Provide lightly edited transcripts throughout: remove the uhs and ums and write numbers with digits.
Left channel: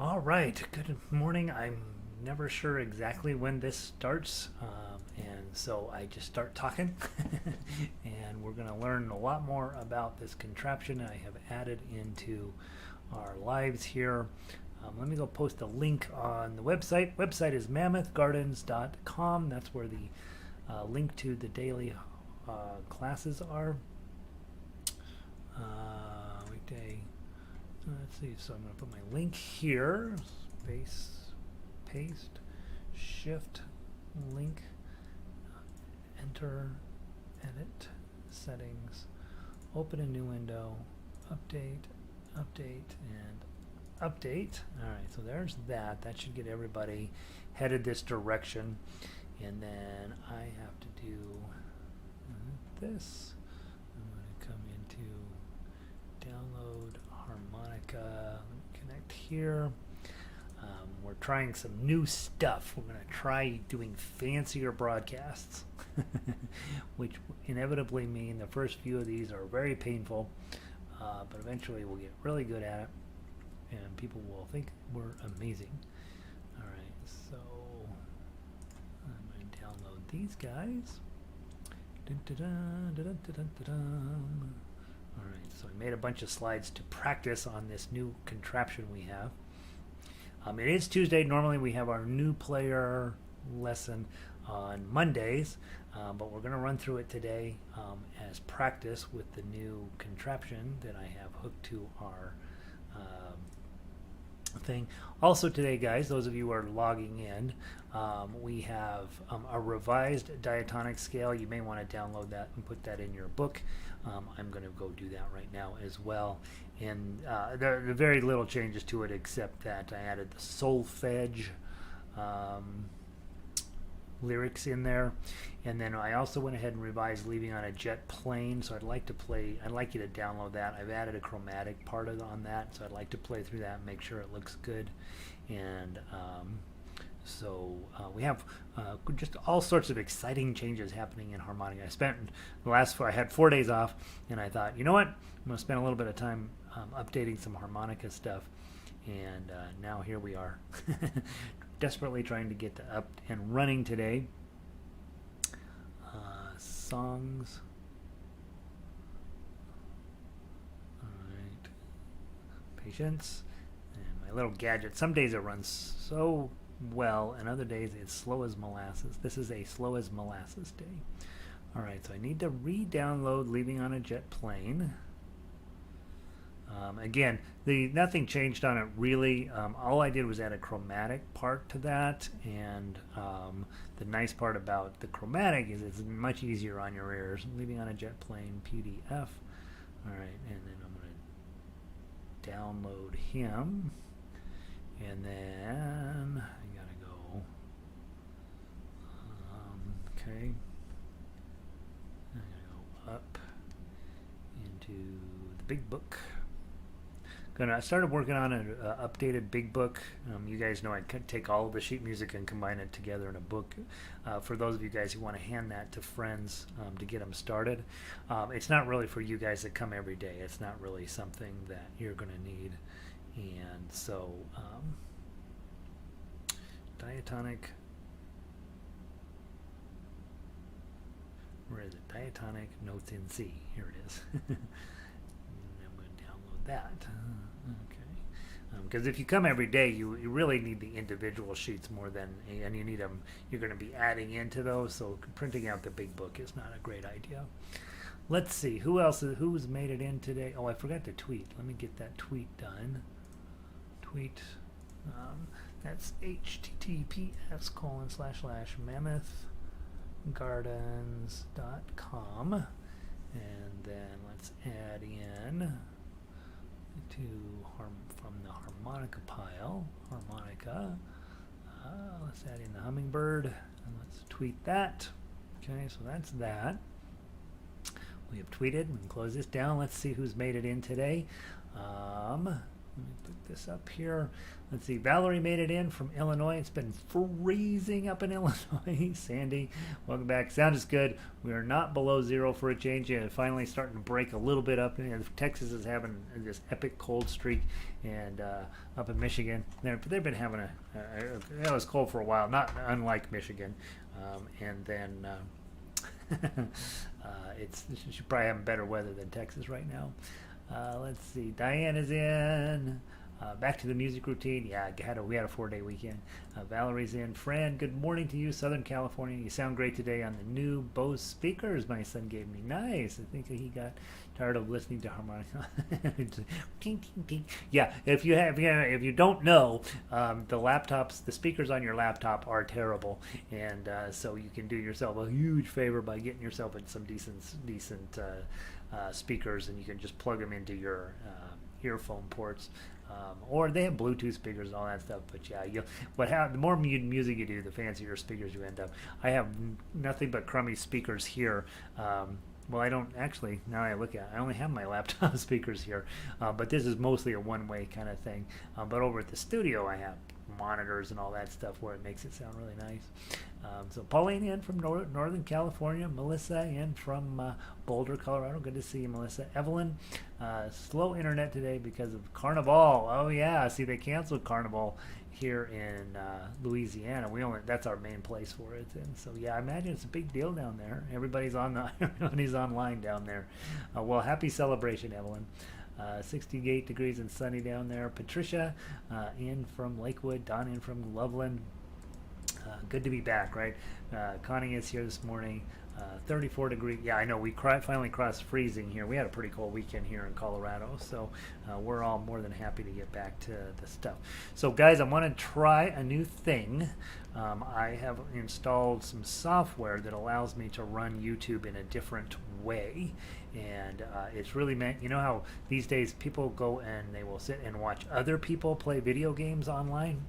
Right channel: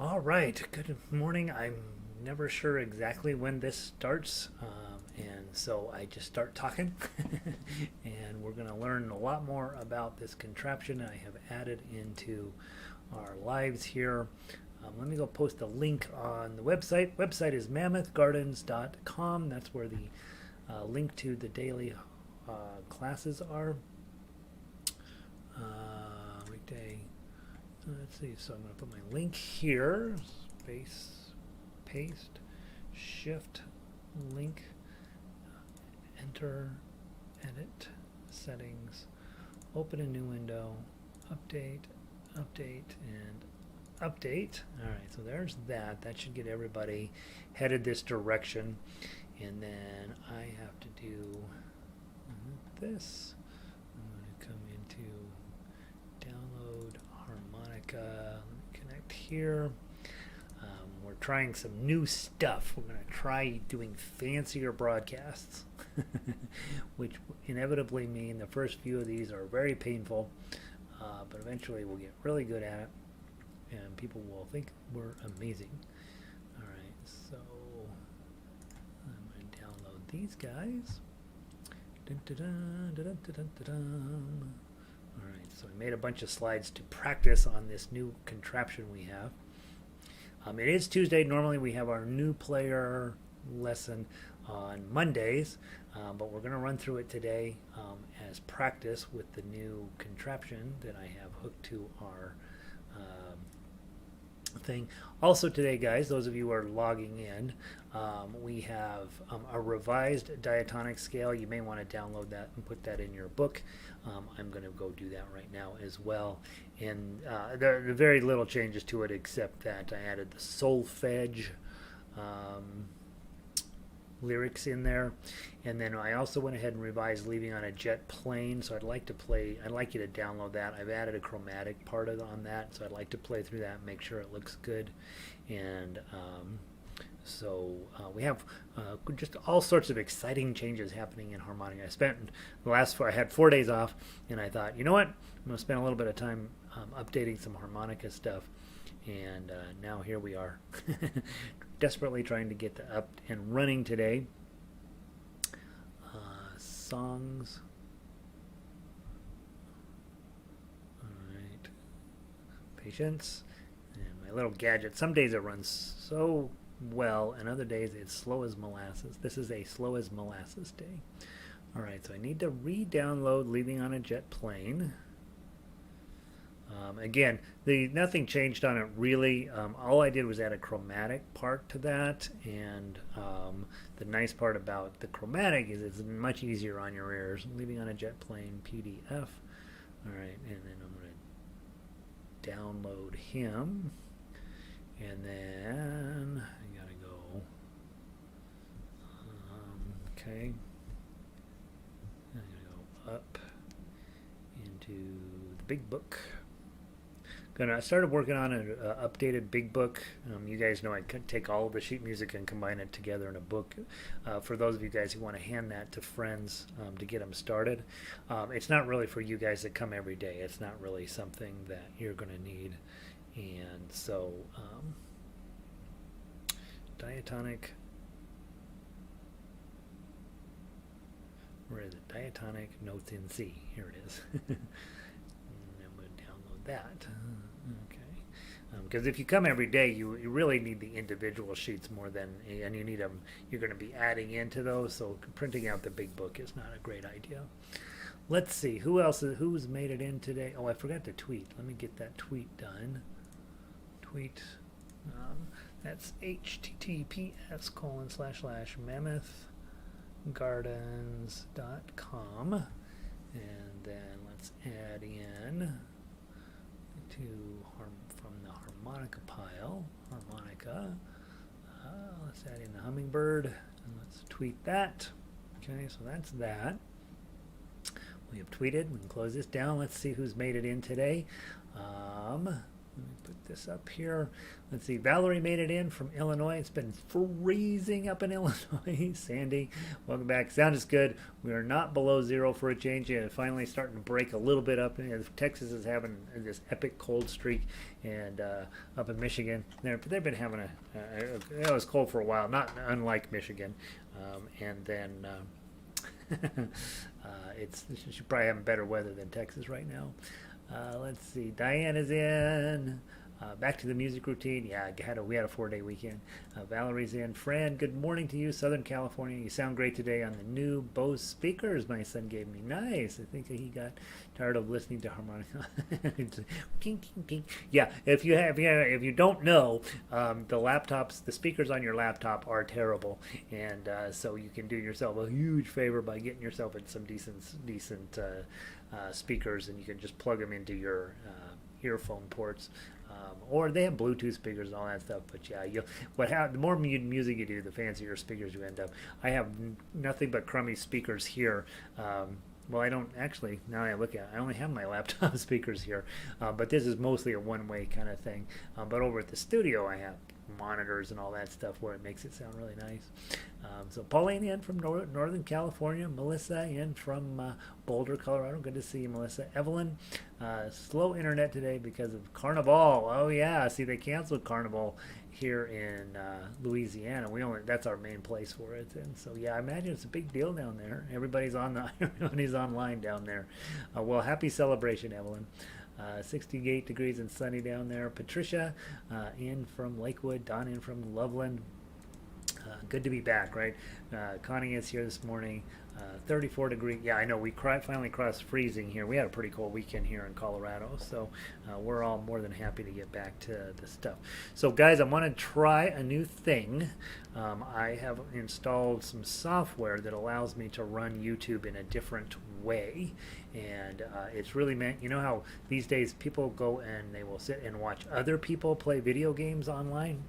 All right, good morning. I'm never sure exactly when this starts, and so I just start talking. And we're going to learn a lot more about this contraption I have added into our lives here. Let me go post a link on the website. Website is mammothgardens.com. That's where the link to the daily classes are. Weekday. Let's see. So I'm going to put my link here. Space, paste, shift, link, enter, edit, settings, open a new window, update, update, and update. All right, so there's that. That should get everybody headed this direction. And then I have to do this. I'm going to come into download Harmonica. Let me connect here. We're trying some new stuff. We're going to try doing fancier broadcasts, which inevitably mean the first few of these are very painful, but eventually we'll get really good at it, and people will think we're amazing. All right, so I'm going to download these guys. All right, so I made a bunch of slides to practice on this new contraption we have. It is Tuesday. Normally we have our new player lesson on Mondays, but we're going to run through it today as practice with the new contraption that I have hooked to our thing. Also today, guys, those of you who are logging in, we have a revised diatonic scale. You may want to download that and put that in your book. I'm going to go do that right now as well. And there are very little changes to it except that I added the solfege lyrics in there. And then I also went ahead and revised leaving on a jet plane. So I'd like you to download that. I've added a chromatic part on that. So I'd like to play through that and make sure it looks good. And so we have just all sorts of exciting changes happening in Harmonica. I had 4 days off, and I thought, you know what? I'm going to spend a little bit of time updating some Harmonica stuff. And now here we are, desperately trying to get up and running today. Songs. All right. Patience. And my little gadget. Some days it runs so well, and other days it's slow as molasses. This is a slow as molasses day. All right, so I need to re-download Leaving on a Jet Plane. Again, nothing changed on it really. All I did was add a chromatic part to that, and the nice part about the chromatic is it's much easier on your ears. Leaving on a Jet Plane PDF. All right, and then I'm going to download him, and then I gotta go. Okay, I'm gonna go up into the big book. I started working on an updated big book. You guys know I could take all of the sheet music and combine it together in a book. For those of you guys who want to hand that to friends to get them started, it's not really for you guys that come every day. It's not really something that you're going to need. And so, diatonic. Where is it? Diatonic notes in C. Here it is. And I'm going to download that. Okay. Because if you come every day, you really need the individual sheets more than, and you need them. You're going to be adding into those, so printing out the big book is not a great idea. Let's see who's made it in today. Oh, I forgot to tweet. Let me get that tweet done. Tweet. That's https://mammothgardens.com, and then let's add in from the harmonica pile. Harmonica. Let's add in the hummingbird, and let's tweet that. Okay, so that's that. We have tweeted. We can close this down. Let's see who's made it in today. Let me put this up here. Let's see, Valerie made it in from Illinois. It's been freezing up in Illinois. Sandy, welcome back. Sound is good. We are not below zero for a change yet. It's finally starting to break a little bit up. Texas is having this epic cold streak, and up in Michigan, they've been having it was cold for a while, not unlike Michigan. And then you should probably have better weather than Texas right now. Let's see, Diane is in. Back to the music routine. Yeah, we had a 4-day weekend. Valerie's in. Fran, good morning to you, Southern California. You sound great today on the new Bose speakers my son gave me. Nice. I think he got tired of listening to harmonica. Yeah, if you don't know, the speakers on your laptop are terrible, and so you can do yourself a huge favor by getting yourself some decent speakers, and you can just plug them into your earphone ports. Or they have Bluetooth speakers and all that stuff. But yeah, the more music you do, the fancier speakers you end up. I have nothing but crummy speakers here. Well, I don't actually. Now I look at it, I only have my laptop speakers here. But this is mostly a one-way kind of thing. But over at the studio, I have monitors and all that stuff where it makes it sound really nice. So Pauline in from Northern California. Melissa in from Boulder, Colorado. Good to see you, Melissa. Evelyn, slow internet today because of Carnival. Oh yeah, see they canceled Carnival here in Louisiana. That's our main place for it. And so yeah, I imagine it's a big deal down there. Everybody's online down there. Well, happy celebration, Evelyn. 68 degrees and sunny down there. Patricia in from Lakewood. Don in from Loveland. Good to be back, right? Connie is here this morning. 34 degrees. Yeah, I know. We finally crossed freezing here. We had a pretty cold weekend here in Colorado, so we're all more than happy to get back to the stuff. So, guys, I want to try a new thing. I have installed some software that allows me to run YouTube in a different way. And it's really meant, you know how these days people go and they will sit and watch other people play video games online?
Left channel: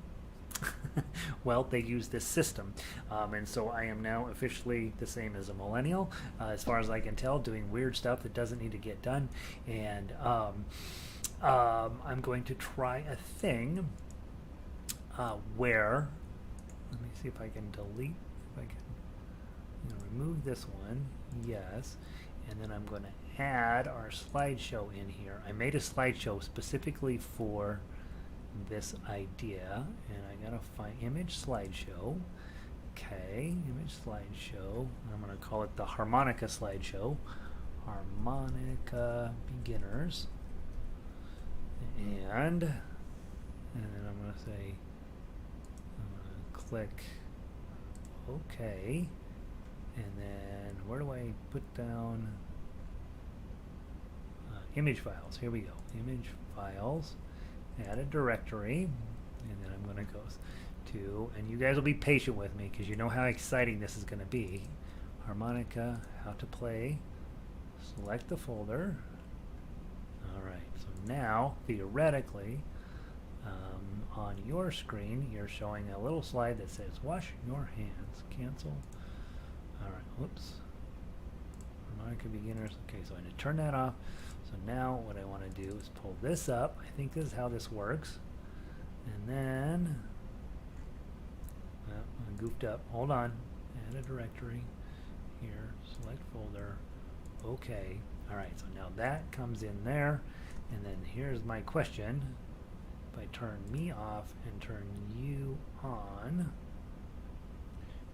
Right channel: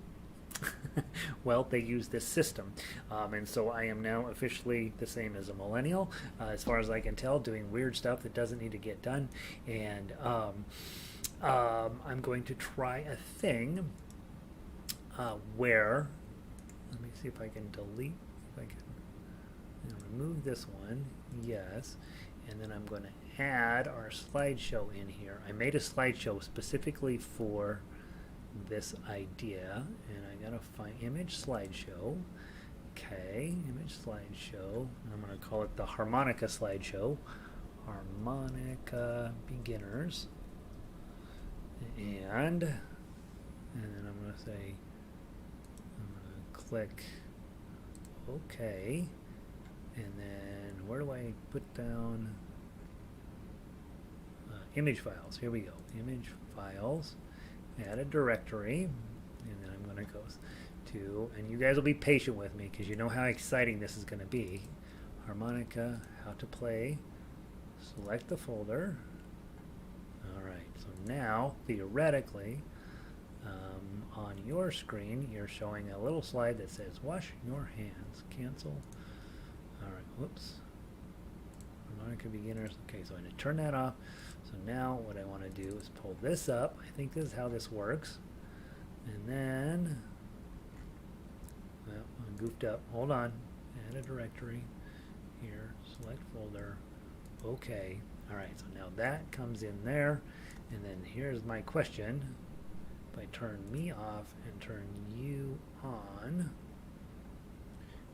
Well, they use this system, and so I am now officially the same as a millennial, as far as I can tell, doing weird stuff that doesn't need to get done. And I'm going to try a thing where, let me see if I can delete, if I can remove this one, yes, and then I'm going to add our slideshow in here. I made a slideshow specifically for this idea, and I gotta find image slideshow. Okay, image slideshow. I'm gonna call it the Harmonica slideshow. Harmonica beginners. And then I'm gonna say, I'm gonna click OK, and then where do I put down image files? Here we go, image files. Add a directory, and then I'm going to go to, and you guys will be patient with me because you know how exciting this is going to be. Harmonica, how to play, select the folder. Alright, so now, theoretically, on your screen, you're showing a little slide that says, wash your hands, cancel. Alright, whoops. Harmonica beginners, okay, so I'm going to turn that off. So now what I want to do is pull this up. I think this is how this works. And then, well, I goofed up. Hold on. Add a directory. Here, select folder. Okay. All right, so now that comes in there. And then here's my question. If I turn me off and turn you on,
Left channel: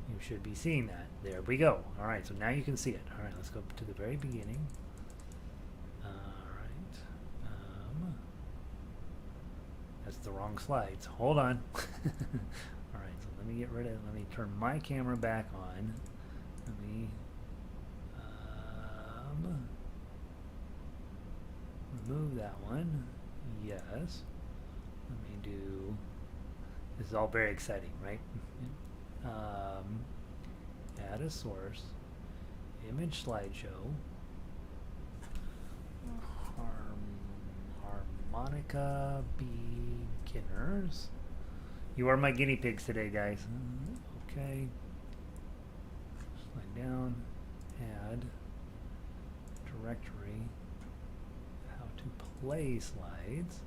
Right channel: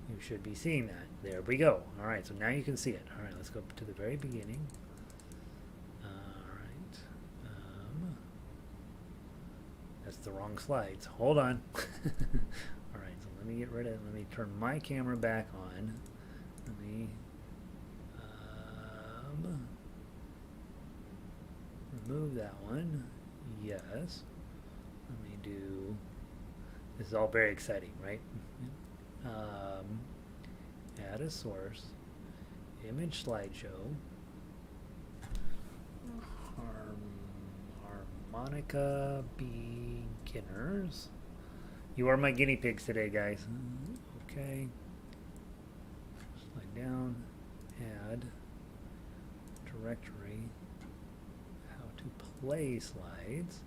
you should be seeing that. There we go. All right, so now you can see it. All right, let's go to the very beginning. That's the wrong slides. Hold on. Alright, so let me get rid of it. Let me turn my camera back on. Let me remove that one. Yes. Let me do, this is all very exciting, right? Add a source. Image slideshow. Harmonica beginners. You are my guinea pigs today, guys. Okay. Slide down. Add directory. How to play slides.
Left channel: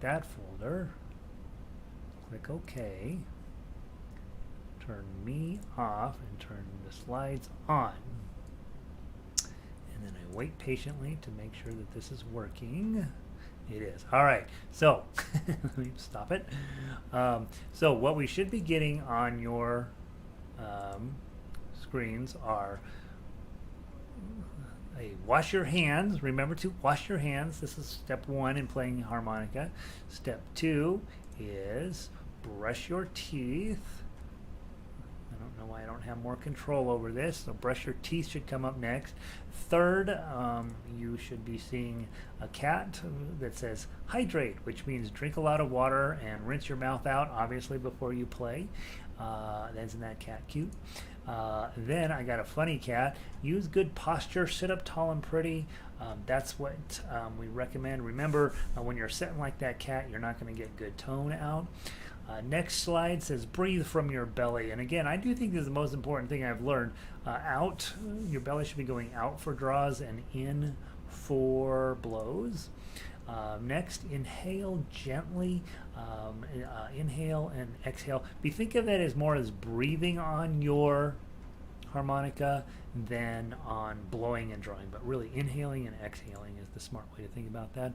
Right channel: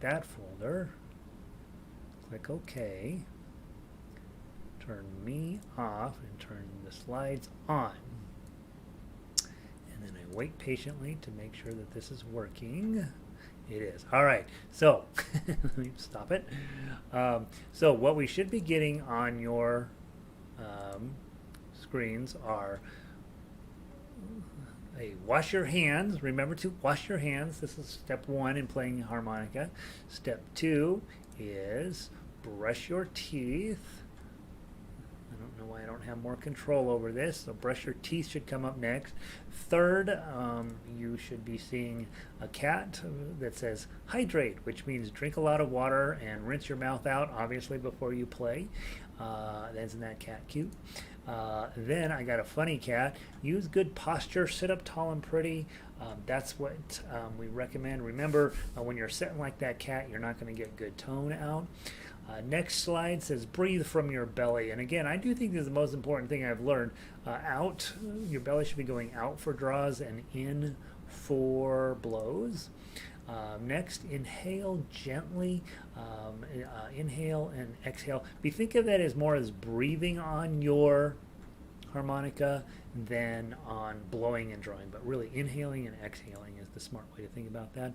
that folder, click OK, turn me off, and turn the slides on. And then I wait patiently to make sure that this is working. It is. All right, so let me stop it. So what we should be getting on your screens are wash your hands. Remember to wash your hands. This is step 1 in playing harmonica. Step 2 is brush your teeth. I don't know why I don't have more control over this, so brush your teeth should come up next. Third, you should be seeing a cat that says hydrate, which means drink a lot of water and rinse your mouth out, obviously, before you play. Isn't that cat cute? Then I got a funny cat. Use good posture, sit up tall and pretty. That's what we recommend. Remember, when you're sitting like that cat, you're not going to get good tone out. Next slide says breathe from your belly. And again, I do think this is the most important thing I've learned. Out, your belly should be going out for draws and in for blows. Next, inhale gently. Inhale and exhale. Think of that as more as breathing on your harmonica than on blowing and drawing, but really inhaling and exhaling is the smart way to think about that.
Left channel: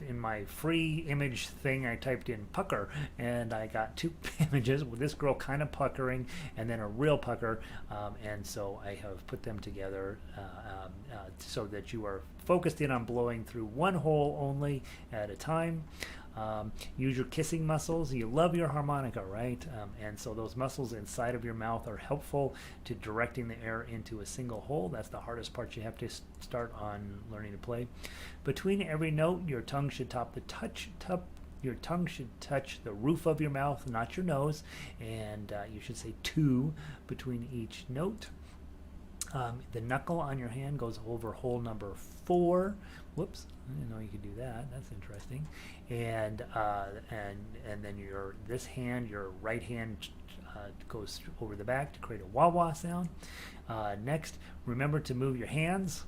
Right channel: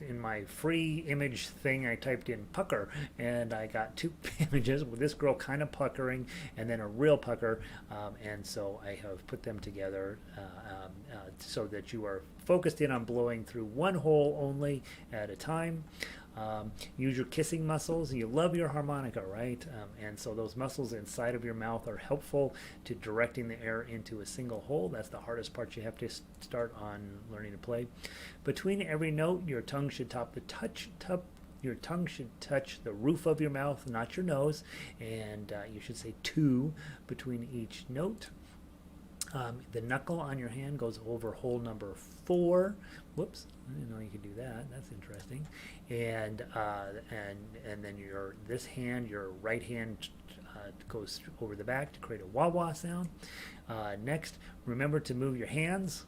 In my free image thing, I typed in pucker, and I got 2 images with this girl kind of puckering and then a real pucker, and so I have put them together so that you are focused in on blowing through one hole only at a time. Use your kissing muscles. You love your harmonica, right? And so those muscles inside of your mouth are helpful to directing the air into a single hole. That's the hardest part you have to start on learning to play. Between every note, your tongue should your tongue should touch the roof of your mouth, not your nose, and you should say 2 between each note. The knuckle on your hand goes over hole number 4. Whoops, I didn't know you could do that. That's interesting. And then your right hand goes over the back to create a wah-wah sound. Next, remember to move your hands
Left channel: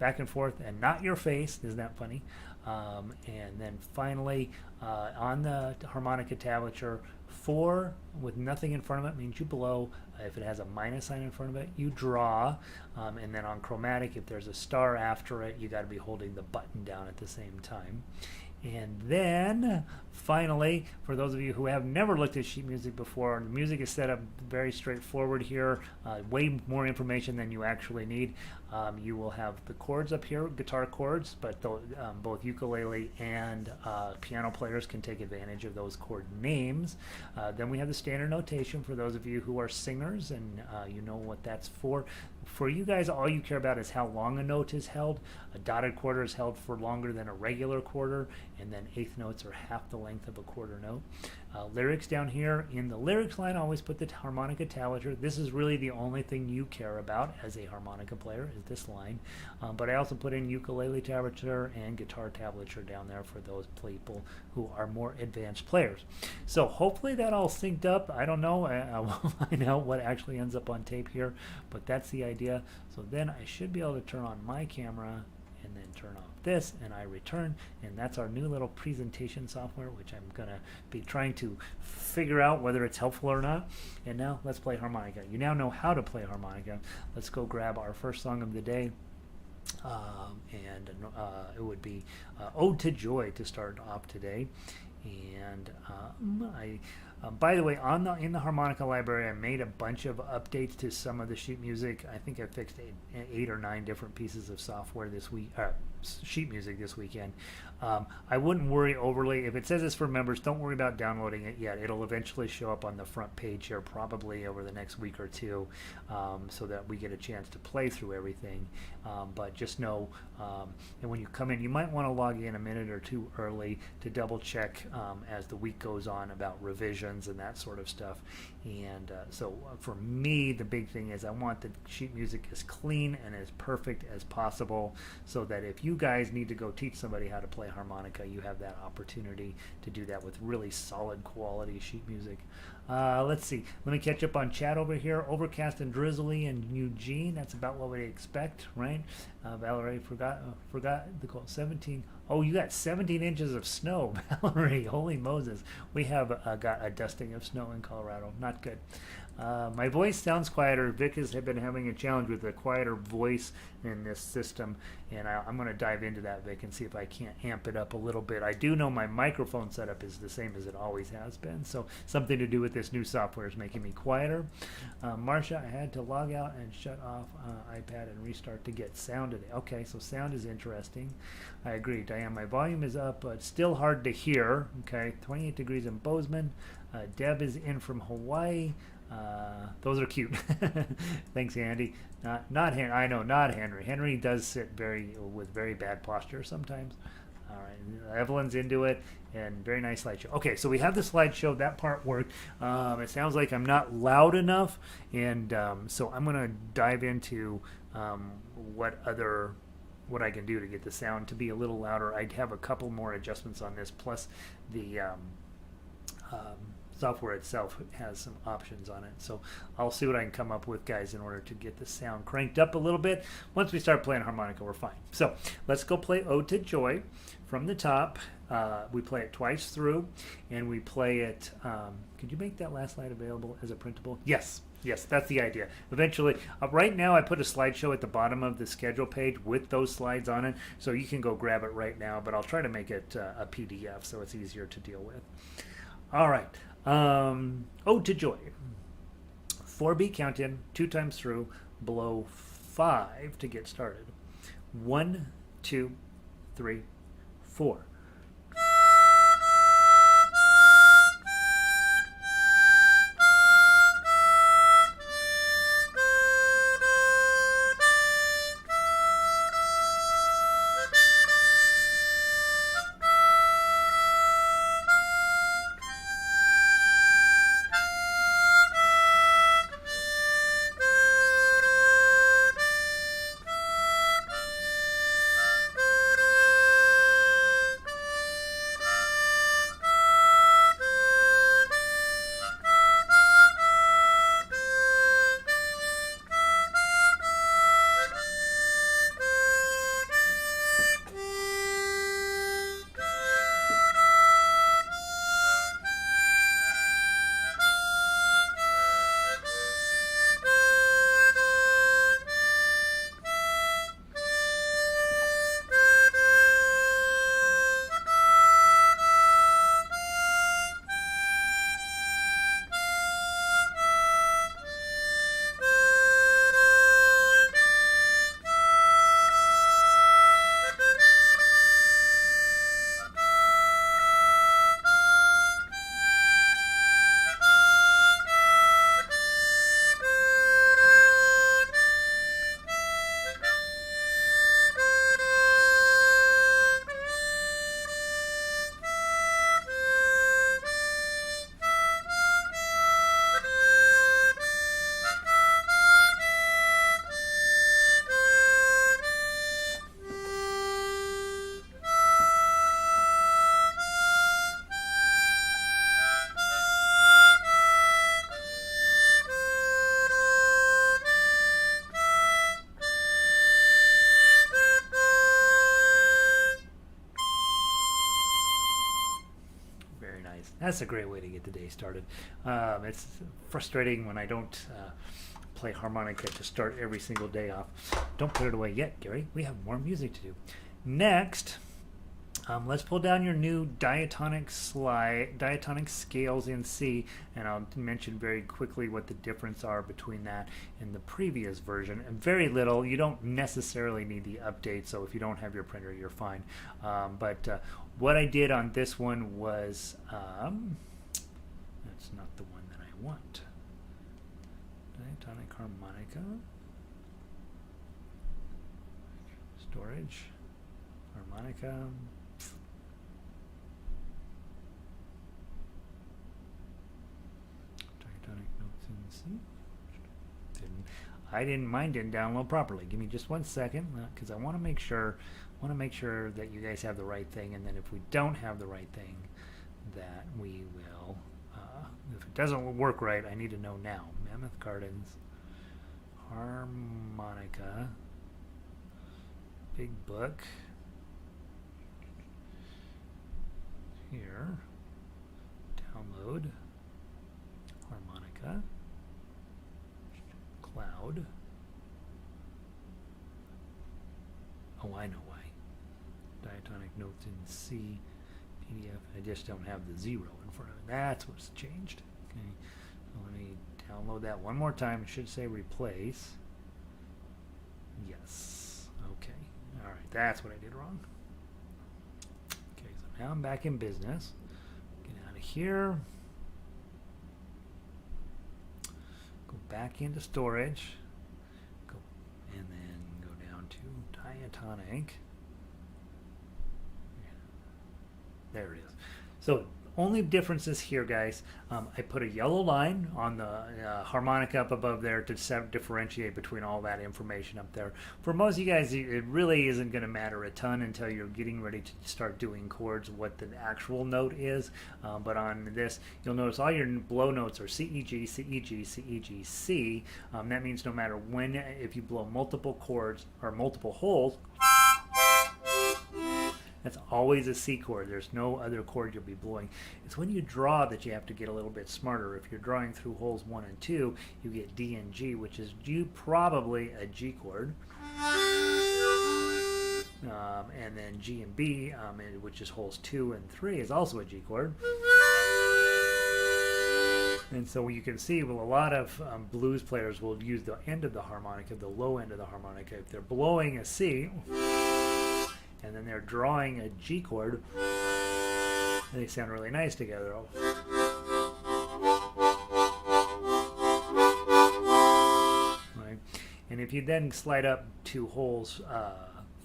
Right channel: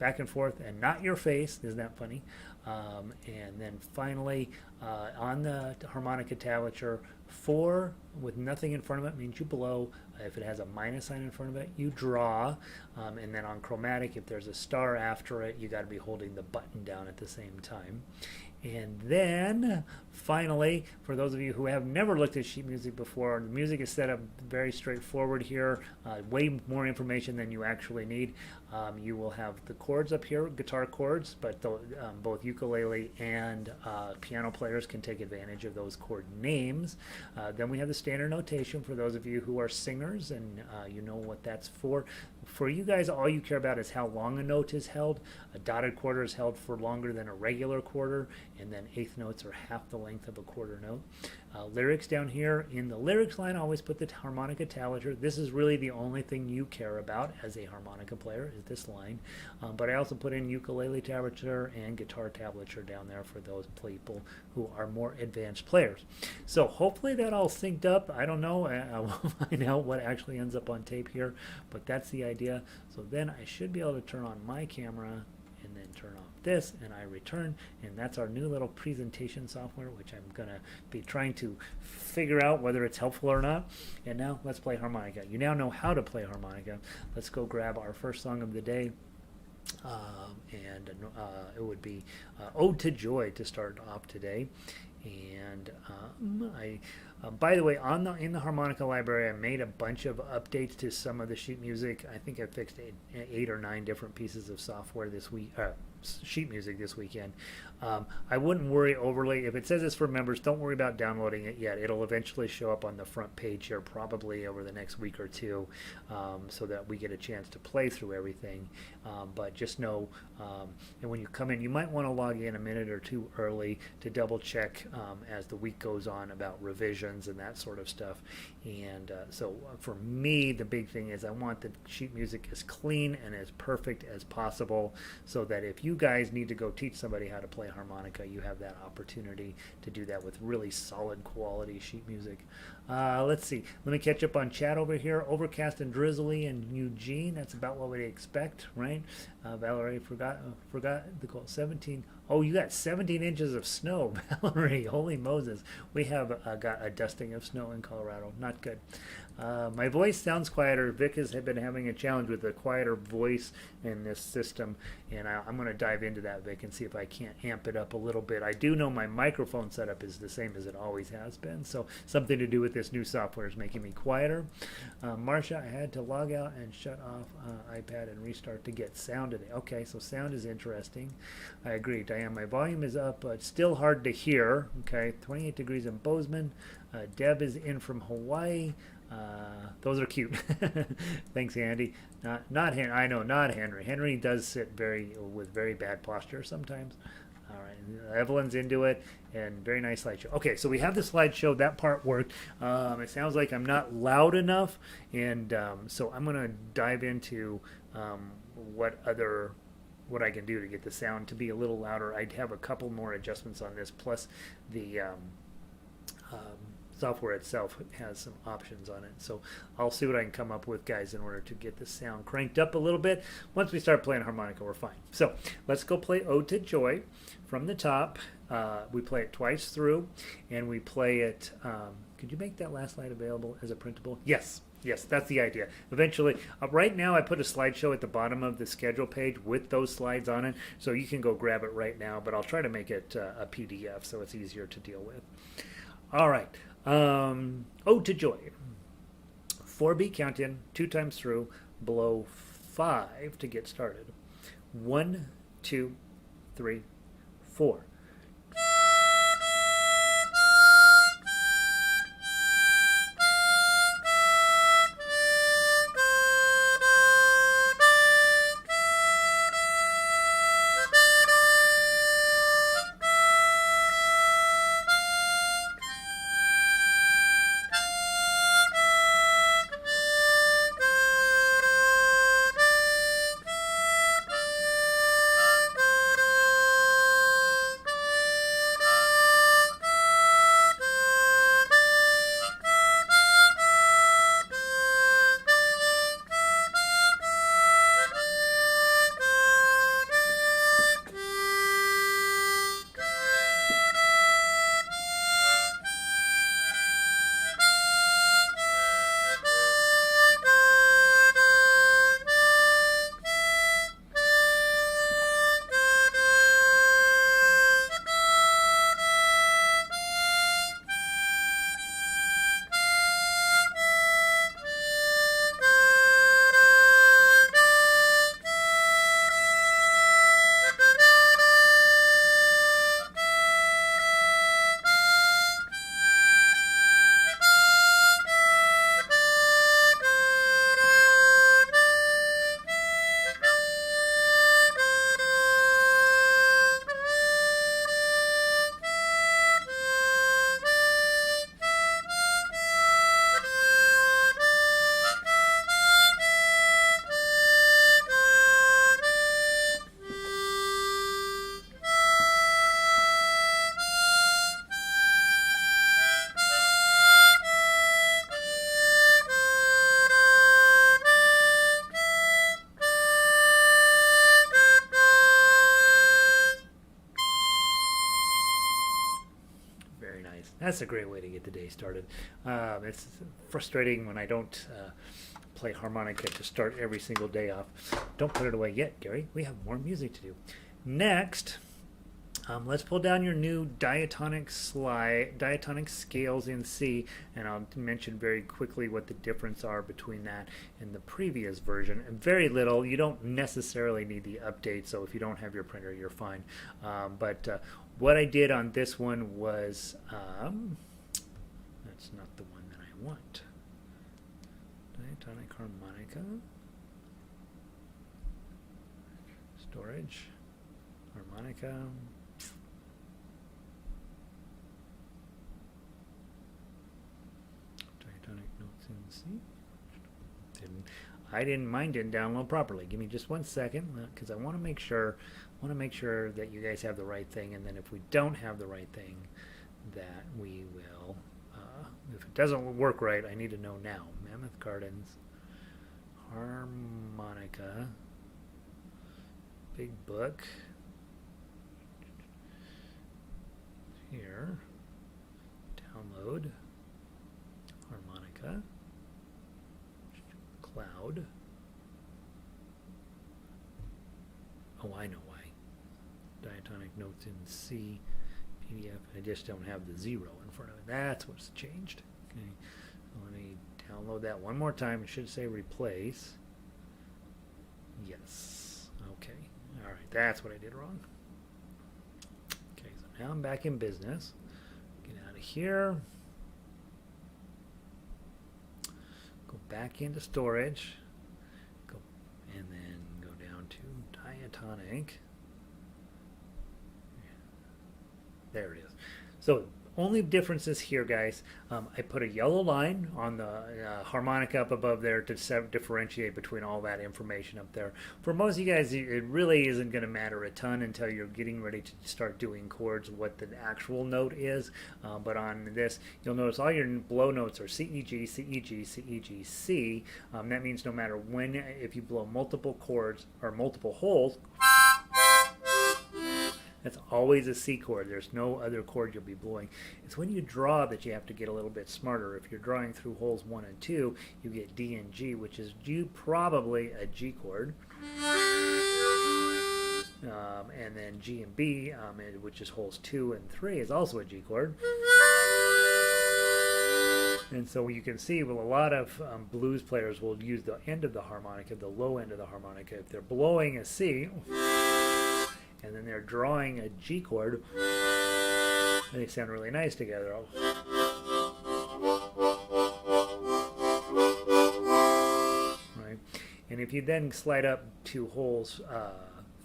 back and forth and not your face. Isn't that funny? And then finally, on the harmonica tablature, 4 with nothing in front of it means you blow. If it has a minus sign in front of it, you draw. And then on chromatic, if there's a star after it, you got to be holding the button down at the same time. And then finally, for those of you who have never looked at sheet music before, the music is set up very straightforward here, way more information than you actually need. You will have the chords up here, guitar chords, but both ukulele and piano players can take advantage of those chord names. Then we have the standard notation for those of you who are singers, and you know what that's for. For you guys, all you care about is how long a note is held. A dotted quarter is held for longer than a regular quarter, and then eighth notes are half the length of a quarter note. Lyrics down here. In the lyrics line, I always put the harmonica tablature. This is really the only thing you care about as a harmonica player, is this line. But I also put in ukulele tablature and guitar tablature down there for those people who are more advanced players. So hopefully that all synced up. I don't know. I'll find out what actually ends up on tape here, but that's the idea. So then I should be able to turn on my camera and then turn off this, and I return, and that's our new little presentation software, which I'm going to be trying to figure out whether it's helpful or not. And now let's play harmonica. You now know how to play harmonica. Let's go grab our first song of the day, it would be Ode to Joy to start off today. And by the way, in the harmonica library, I made a bunch of updates to some of the sheet music. I think I fixed 8 or 9 different pieces of software this week, sheet music this weekend. I wouldn't worry overly. If it says it's for members, don't worry about downloading it yet. It'll eventually show up on the front page here, probably over the next week or two, so that we get a chance to play through everything. But just know, and when you come in, you might want to log in a minute or two early to double check as the week goes on about revisions and that sort of stuff. And so for me, the big thing is I want the sheet music as clean and as perfect as possible, so that if you guys need to go teach somebody how to play harmonica, you have that opportunity to do that with really solid quality sheet music. Let's see. Let me catch up on chat over here. Overcast and drizzly in Eugene. That's about what we expect, right? Valerie forgot the quote. 17. Oh, you got 17 inches of snow, Valerie. Holy Moses. We have got a dusting of snow in Colorado. Not good. My voice sounds quieter. Vic has been having a challenge with a quieter voice in this system, and I'm going to dive into that, Vic, and see if I can't amp it up a little bit. I do know my microphone setup is the same as it always has been, so something to do with this new software is making me quieter. Marcia, I had to log out and shut off iPad and restart to get sound today. Okay, so sound is interesting. I agree. Diane, my volume is up, but still hard to hear. Okay, 28 degrees in Bozeman. Deb is in from Hawaii. Those are cute. Thanks, Andy. Not Henry. I know, not Henry. Henry does sit with very bad posture sometimes. All right, Evelyn's into it, and very nice slideshow. Okay, so we have the slideshow. That part worked. It sounds like I'm not loud enough, and so I'm going to dive into what I can do to get the sound to be a little louder. I'd have a couple more adjustments on this, plus the software itself has some options on it. So I'll see what I can come up with, guys, in order to get the sound cranked up a little bit. Once we start playing harmonica, we're fine. So let's go play Ode to Joy from the top. We play it twice through, and we play it. Could you make that last slide available as a printable? Yes. Yes, that's the idea. Eventually, right now I put a slideshow at the bottom of the schedule page with those slides on it, so you can go grab it right now, but I'll try to make it a PDF so it's easier to deal with. All right. Ode to Joy. 4-beat count in, 2 times through, below 5 to get started. 1, 2, 3, 4. That's a great way to get the day started. It's frustrating when I don't play harmonica to start every single day off. Don't put it away yet, Gary. We have more music to do. Next, let's pull down your new diatonic scales in C, and I'll mention very quickly what the difference are between that and the previous version. And very little. You don't necessarily need the update, so if you don't have your printer, you're fine. But what I did on this one was, that's not the one that I want. Diatonic harmonica, storage, harmonica. Diatonic notes in C. Mine didn't download properly. Give me just 1 second, because I want to make sure want to make sure that you guys have the right thing, and then if we don't have the right thing, that we will, if it doesn't work right, I need to know now. Mammoth Gardens, Harmonica, Big Book, here, download, Harmonica, Cloud. Oh, I know why. Diatonic notes in C, PDF. I just don't have the 0 in front of it. That's what's changed. Okay, so let me download that one more time. It should say replace. Yes. Okay. All right. That's what I did wrong. Okay. So now I'm back in business. Get out of here. Go back into storage. Go and then go down to Diatonic. There it is. So only differences here, guys. I put a yellow line on the harmonica up above there to differentiate between all that information up there. For most of you guys, it really isn't going to matter a ton until you're getting ready to start doing chords, what the actual note is. But on this, you'll notice all your blow notes are C, E, G, C, E, G, C, E, G, C. That means no matter when, if you blow multiple chords or multiple holes, that's always a C chord. There's no other chord you'll be blowing. It's when you draw that you have to get a little bit smarter. If you're drawing through holes 1 and 2, you get D and G, which is probably a G chord. And then G and B, which is holes 2 and 3, is also a G chord. And so you can see, well, a lot of blues players will use the end of the harmonica, the low end of the harmonica. If they're blowing a C, and then they're drawing a G chord, they sound really nice together. Right? And if you then slide up to holes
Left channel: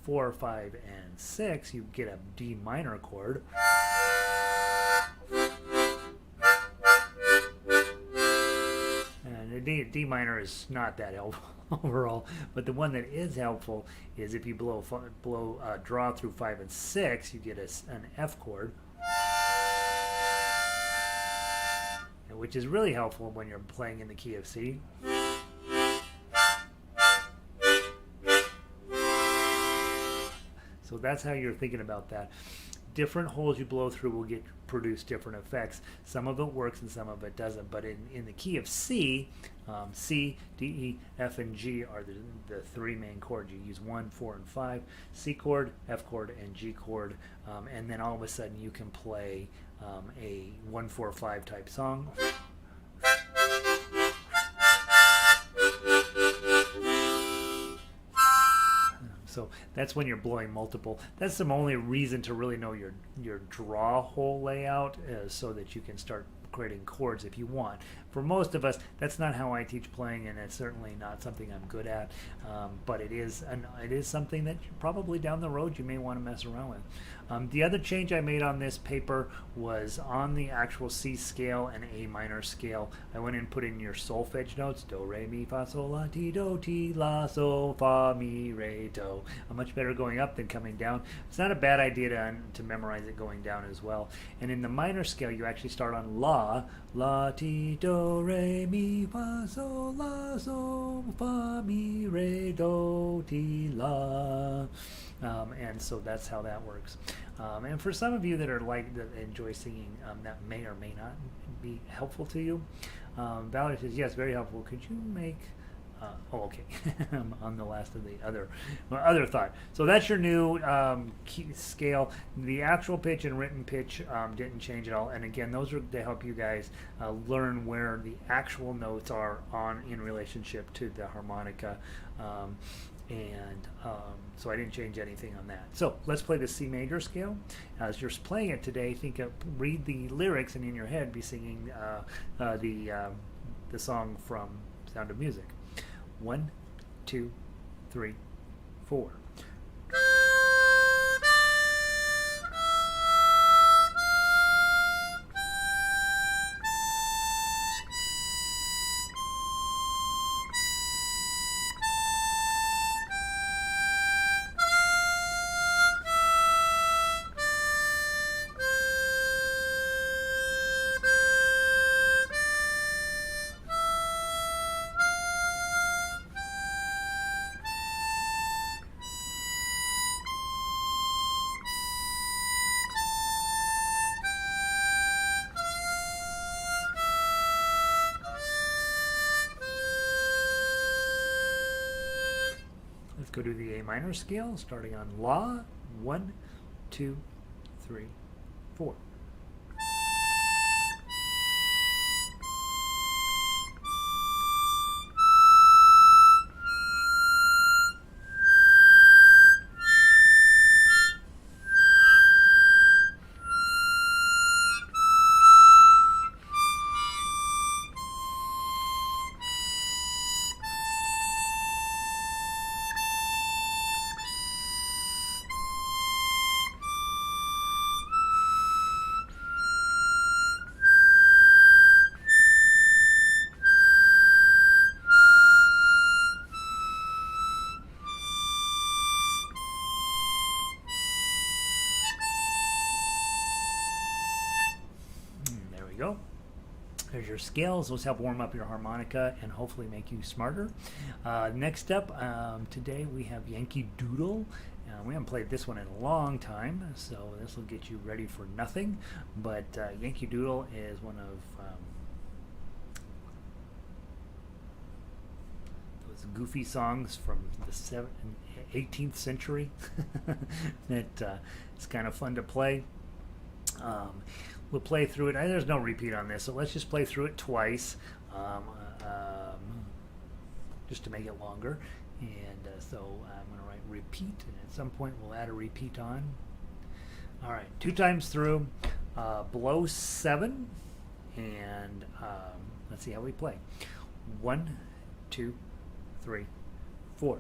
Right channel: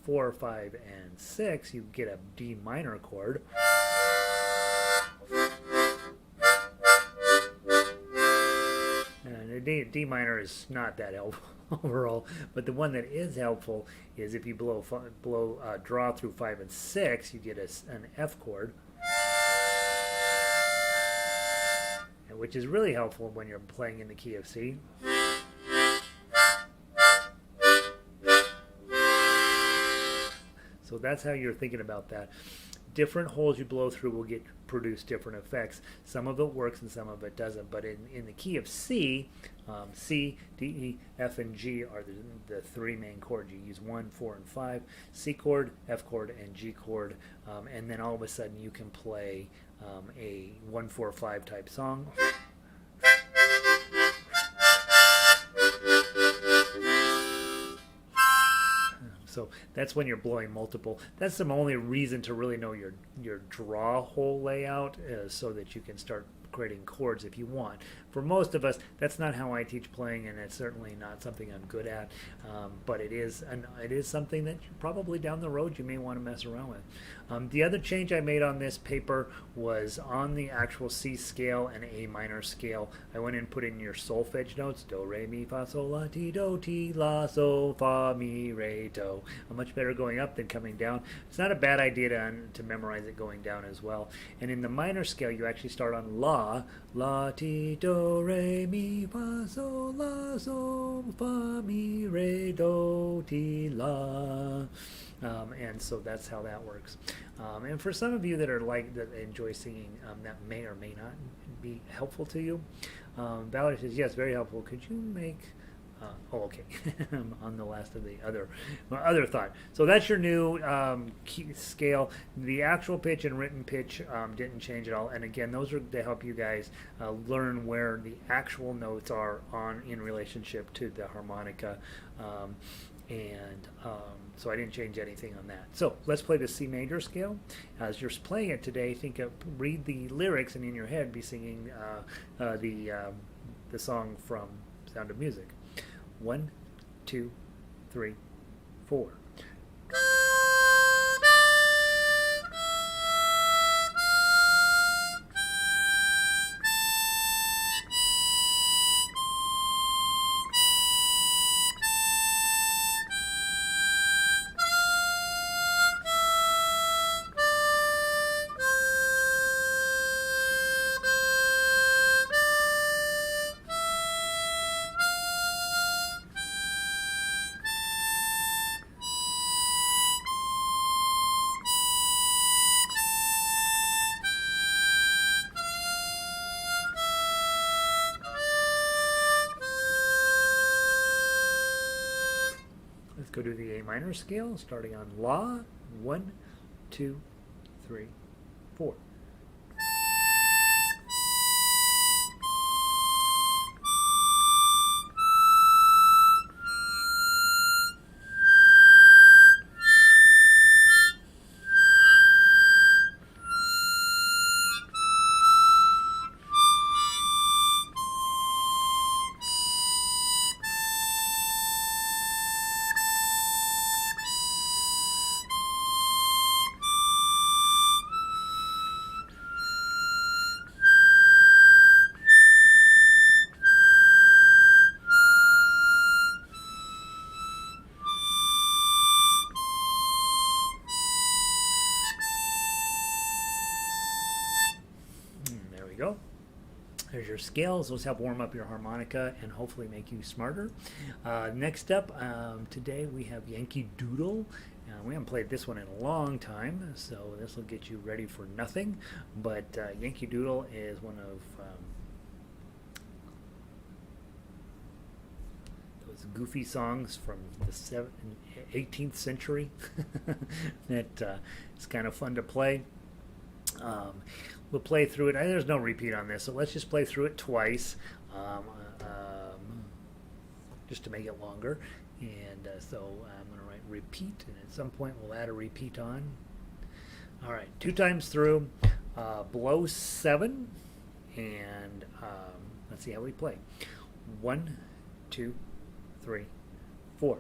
4, 5, and 6, you get a D minor chord. And the D minor is not that helpful overall, but the one that is helpful is if you draw through 5 and 6, you get an F chord, which is really helpful when you're playing in the key of C. So that's how you're thinking about that. Different holes you blow through will produce different effects. Some of it works and some of it doesn't. But in the key of C, C, D, E, F, and G are the 3 main chords. You use 1, 4, and 5. C chord, F chord, and G chord. And then all of a sudden you can play a 1, 4, 5 type song. So that's when you're blowing multiple. That's the only reason to really know your draw hole layout, so that you can start creating chords if you want. For most of us, that's not how I teach playing, and it's certainly not something I'm good at. But it is something that probably down the road you may want to mess around with. The other change I made on this paper was on the actual C scale and A minor scale. I went and put in your solfege notes, do, re, mi, fa, sol, la, ti, do, ti, la, sol, fa, mi, re, do. Much better going up than coming down. It's not a bad idea to memorize it going down as well. And in the minor scale, you actually start on la, la, ti, do, re, mi, fa, sol, la, sol, fa, mi, re, do, ti, la. And so that's how that works. And for some of you that enjoy singing, that may or may not be helpful to you. Valerie says, yes, very helpful. Could you make... okay. On the last of the other thought. So that's your new key scale. The actual pitch and written pitch didn't change at all. And again, those are to help you guys learn where the actual notes are in relationship to the harmonica. So I didn't change anything on that. So let's play the C major scale. As you're playing it today, read the lyrics, and in your head be singing the song from Sound of Music. 1, 2, 3, 4. go to the A minor scale, starting on La. 1, 2, 3, 4. There we go. There's your scales. Those help warm up your harmonica and hopefully make you smarter. Next up, today we have Yankee Doodle. We haven't played this one in a long time, so this will get you ready for nothing. But Yankee Doodle is one of those goofy songs from the 18th century that it's kind of fun to play. We'll play through it. There's no repeat on this, so let's just play through it twice, just to make it longer. And so I'm going to write repeat, and at some point we'll add a repeat on. All right, 2 times through, below 7, and let's see how we play. 1, 2, 3, 4.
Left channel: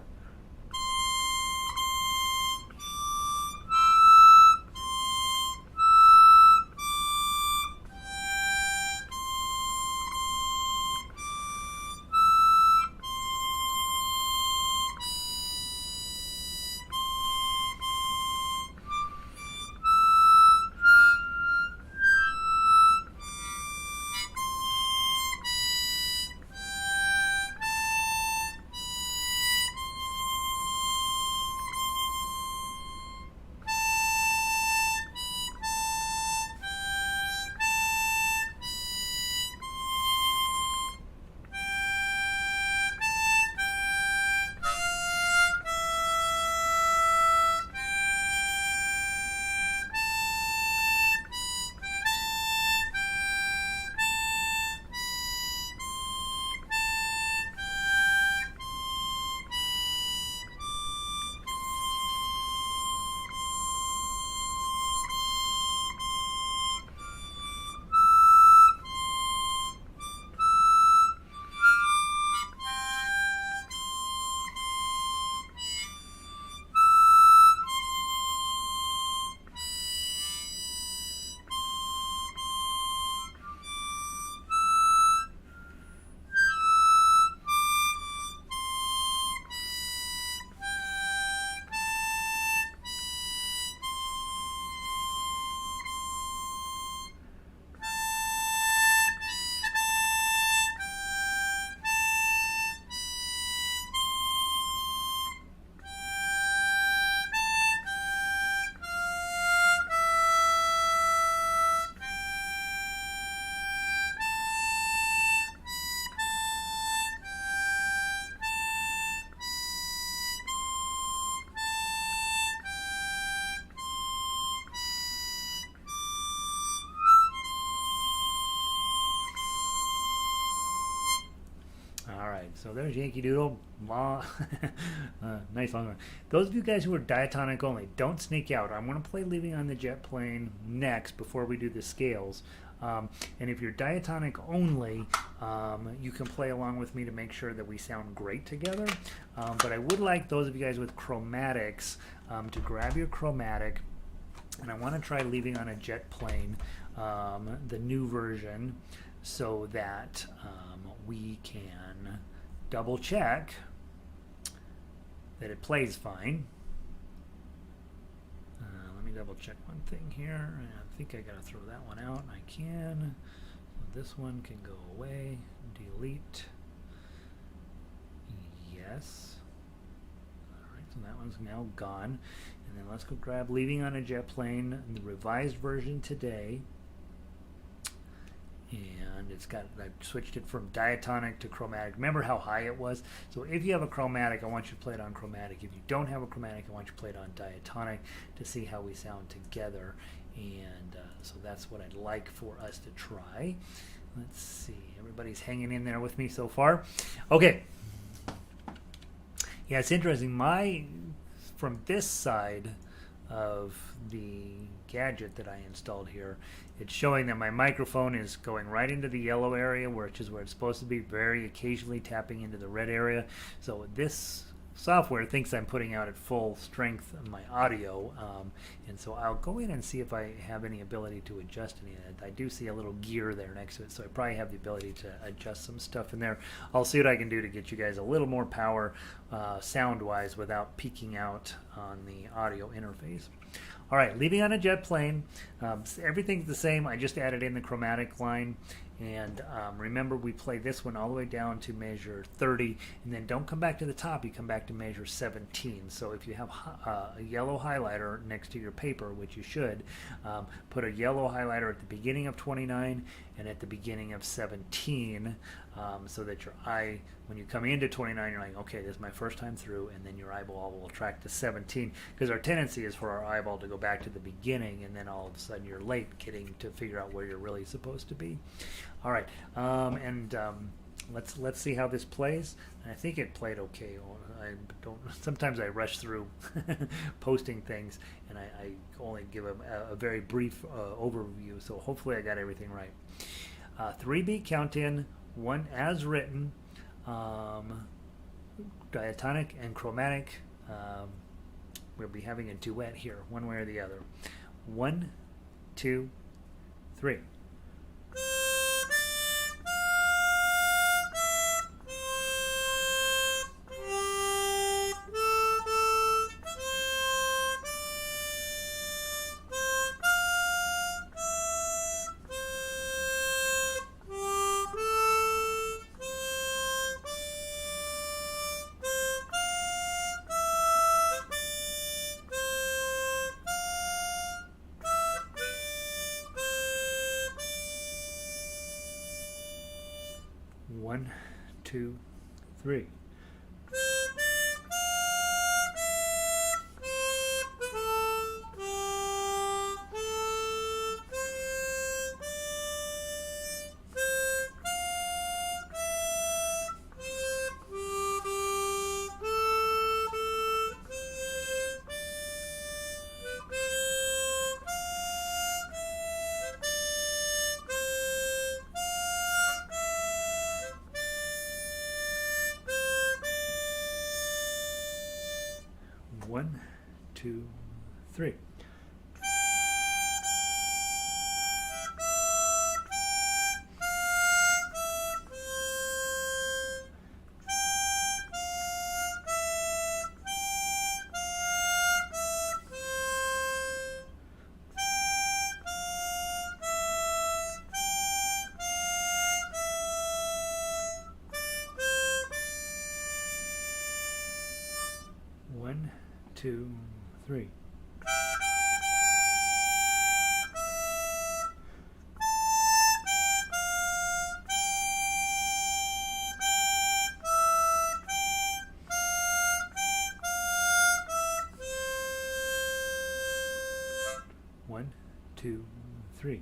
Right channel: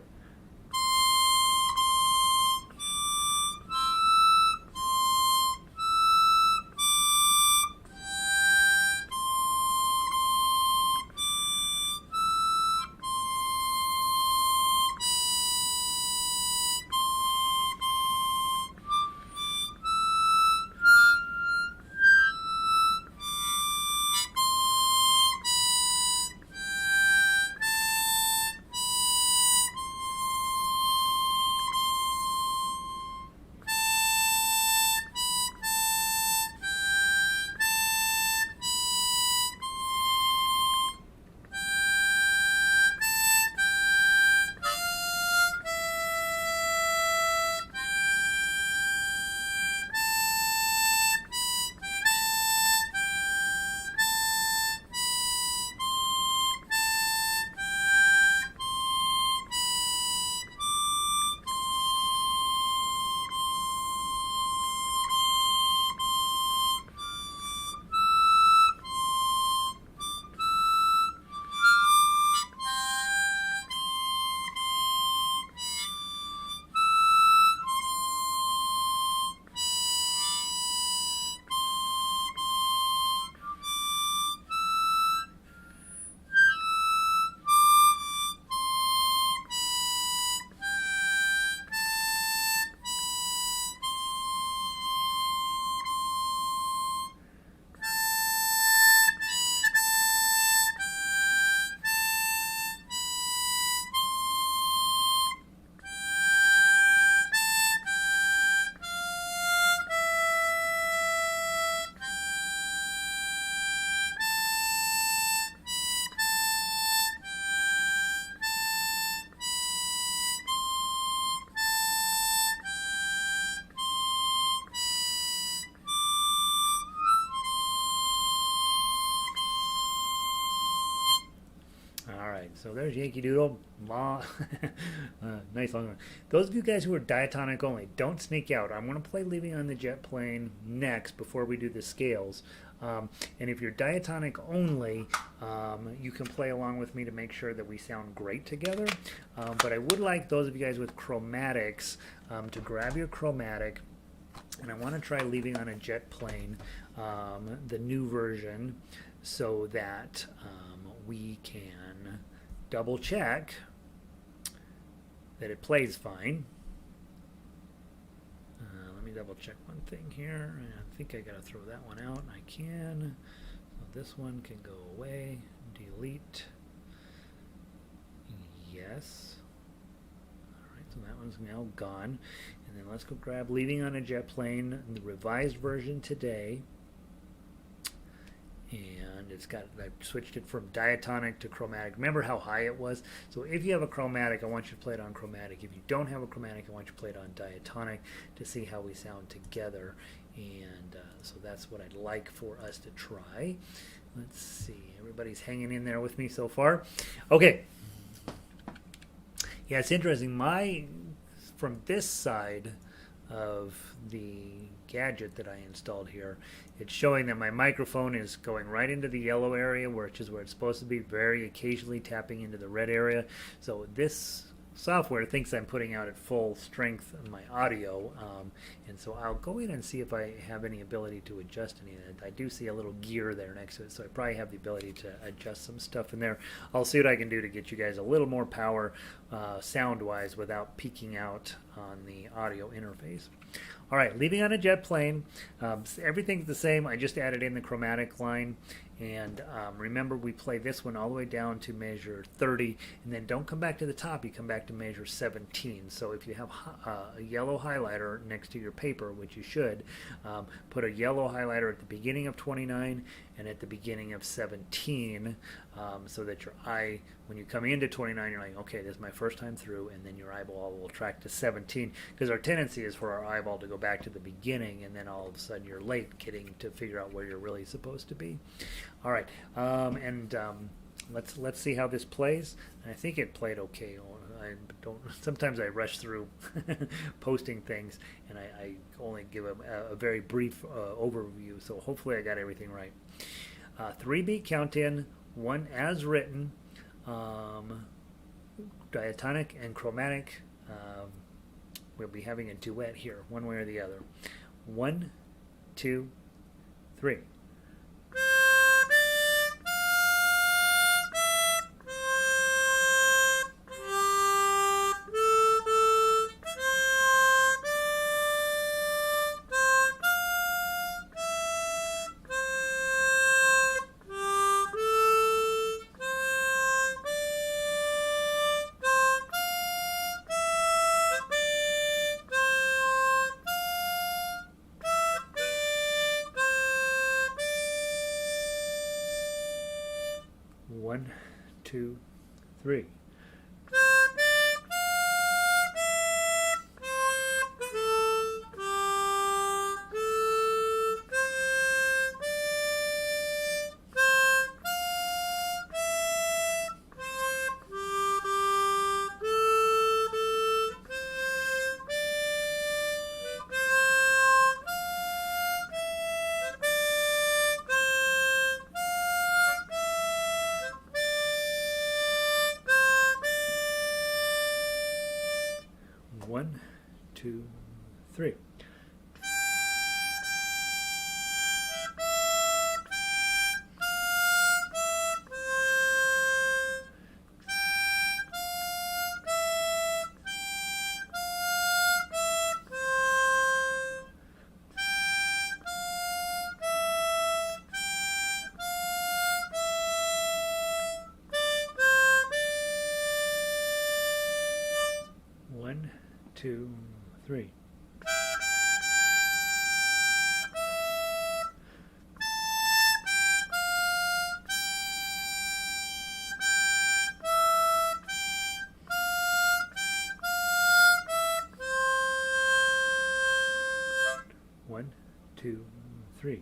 Alright, so there's Yankee Doodle. Nice long one. Those of you guys who are diatonic only, don't sneak out. I'm going to play Leaving on the Jet Plane next before we do the scales. And if you're diatonic only, you can play along with me to make sure that we sound great together. But I would like those of you guys with chromatics to grab your chromatic. And I want to try Leaving on a Jet Plane, the new version, so that we can double check that it plays fine. Let me double check one thing here. I think I got to throw that one out. I can. So this one can go away. Delete. Yes. Alright, so that one's now gone. And then let's go grab Leaving on a Jet Plane, the revised version today. And I've switched it from diatonic to chromatic. Remember how high it was? So if you have a chromatic, I want you to play it on chromatic. If you don't have a chromatic, I want you to play it on diatonic to see how we sound together. And so that's what I'd like for us to try. Let's see. Everybody's hanging in there with me so far. Okay. Yeah, it's interesting. From this side of the gadget that I installed here, it's showing that my microphone is going right into the yellow area, which is where it's supposed to be, very occasionally tapping into the red area. So this software thinks I'm putting out at full strength on my audio, and so I'll go in and see if I have any ability to adjust any of it. I do see a little gear there next to it, so I probably have the ability to adjust some stuff in there. I'll see what I can do to get you guys a little more power sound-wise without peaking out on the audio interface. All right, leaving on a jet plane, everything's the same. I just added in the chromatic line. And remember, we play this one all the way down to measure 30, and then don't come back to the top, you come back to measure 17. So if you have a yellow highlighter next to your paper, which you should, put a yellow highlighter at the beginning of 29 and at the beginning of 17, so that your eye, when you come into 29, you're like, okay, this is my first time through, and then your eyeball will track to 17, because our tendency is for our eyeball to go back to the beginning, and then all of a sudden you're late getting to figure out where you're really supposed to be. All right, let's see how this plays. I think it played okay. Sometimes I rush through posting things, and I only give a very brief overview. So hopefully I got everything right. 3-beat count in, one as written, diatonic and chromatic. We'll be having a duet here, one way or the other. 1, 2, 3. One, two, three. One, two, three. One, two, three. One, two, three.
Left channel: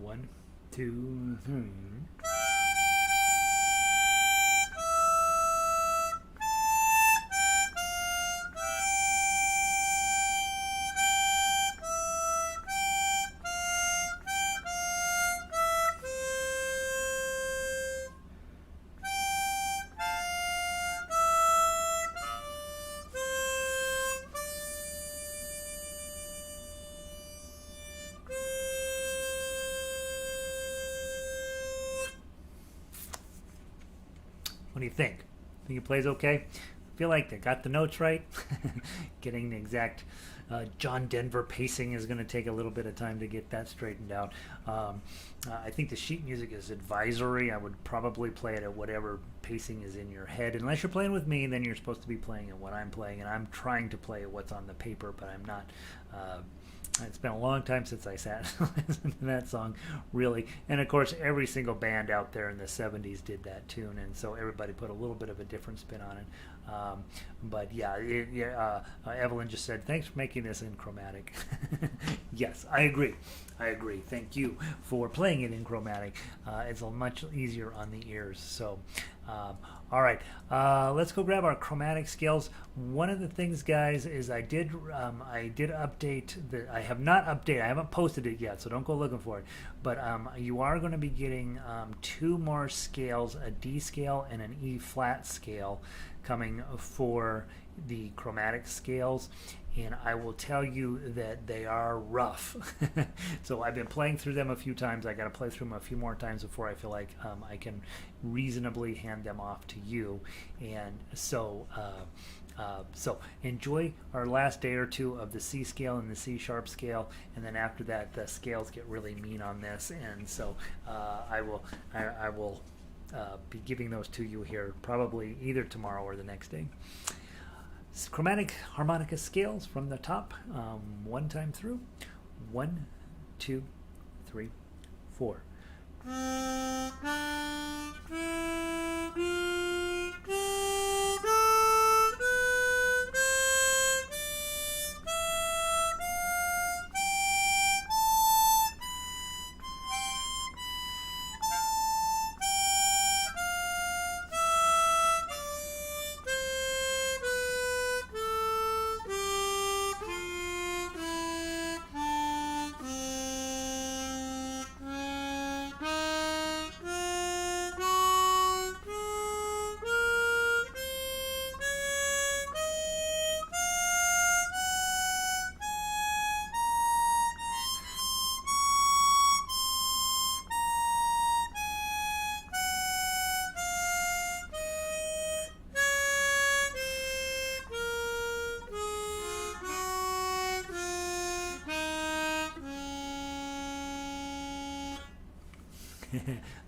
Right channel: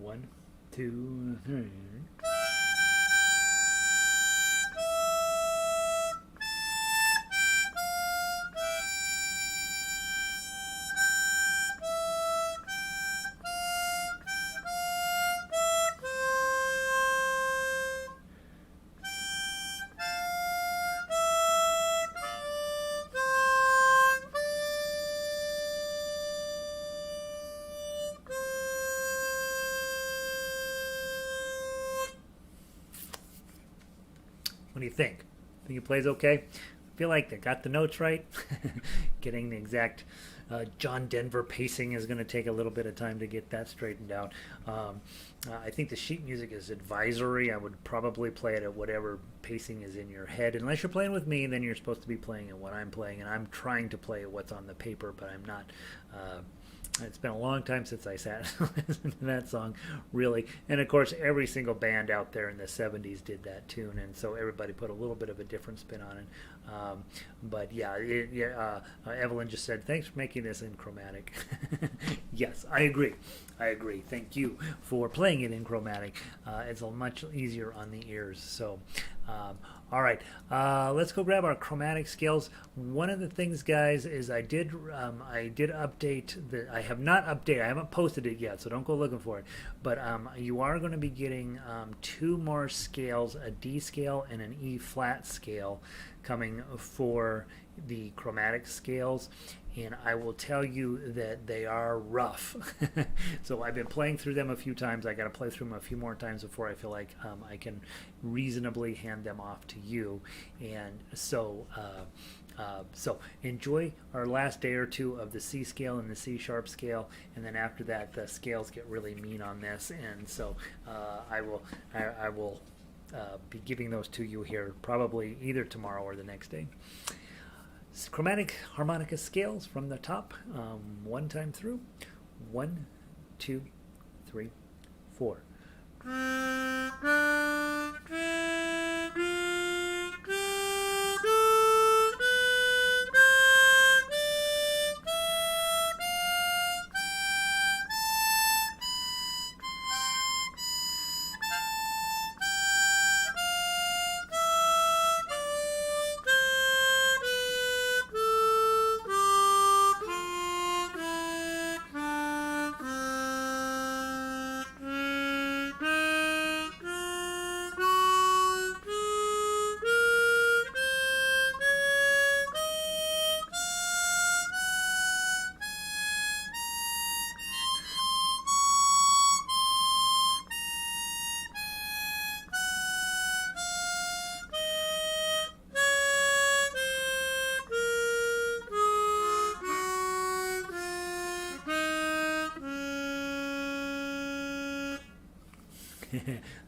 One, two, three. What do you think? Think it plays okay? I feel like I got the notes right. Getting the exact John Denver pacing is going to take a little bit of time to get that straightened out. I think the sheet music is advisory. I would probably play it at whatever pacing is in your head. Unless you're playing with me, then you're supposed to be playing at what I'm playing, and I'm trying to play what's on the paper, but I'm not. It's been a long time since I sat and listened to that song, really. And of course, every single band out there in the 70s did that tune, and so everybody put a little bit of a different spin on it. But yeah, Evelyn just said, thanks for making this in chromatic. Yes, I agree. Thank you for playing it in chromatic. It's a much easier on the ears. So, all right, let's go grab our chromatic scales. One of the things, guys, is I did update the. I have not updated. I haven't posted it yet, so don't go looking for it. But you are going to be getting 2 more scales: a D scale and an E flat scale, coming for the chromatic scales. And I will tell you that they are rough. So I've been playing through them a few times. I got to play through them a few more times before I feel like I can reasonably hand them off to you. And so enjoy our last day or two of the C scale and the C sharp scale, and then after that the scales get really mean on this. And so I will be giving those to you here probably either tomorrow or the next day. Chromatic harmonica scales from the top, 1 time through. 1, 2, 3, 4.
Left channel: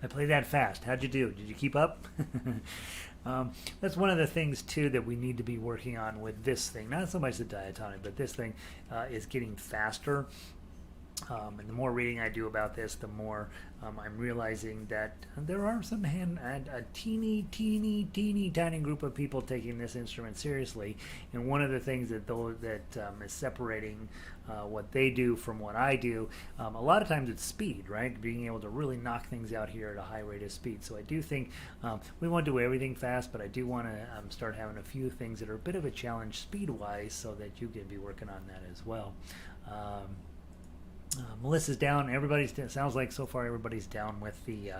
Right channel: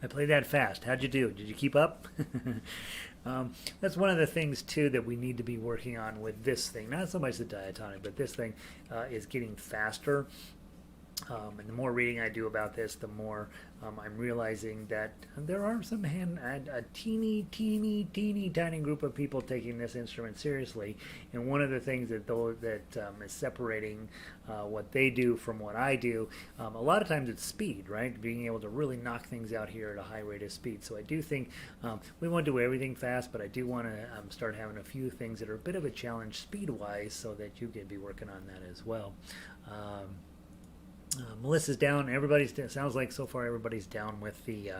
I played that fast. How'd you do? Did you keep up? That's one of the things, too, that we need to be working on with this thing. Not so much the diatonic, but this thing is getting faster. And the more reading I do about this, the more I'm realizing that there are a teeny tiny group of people taking this instrument seriously. And one of the things that is separating what they do from what I do, a lot of times it's speed, right? Being able to really knock things out here at a high rate of speed. So I do think we won't do everything fast, but I do want to start having a few things that are a bit of a challenge speed-wise, so that you can be working on that as well. Melissa's down. Sounds like so far everybody's down with the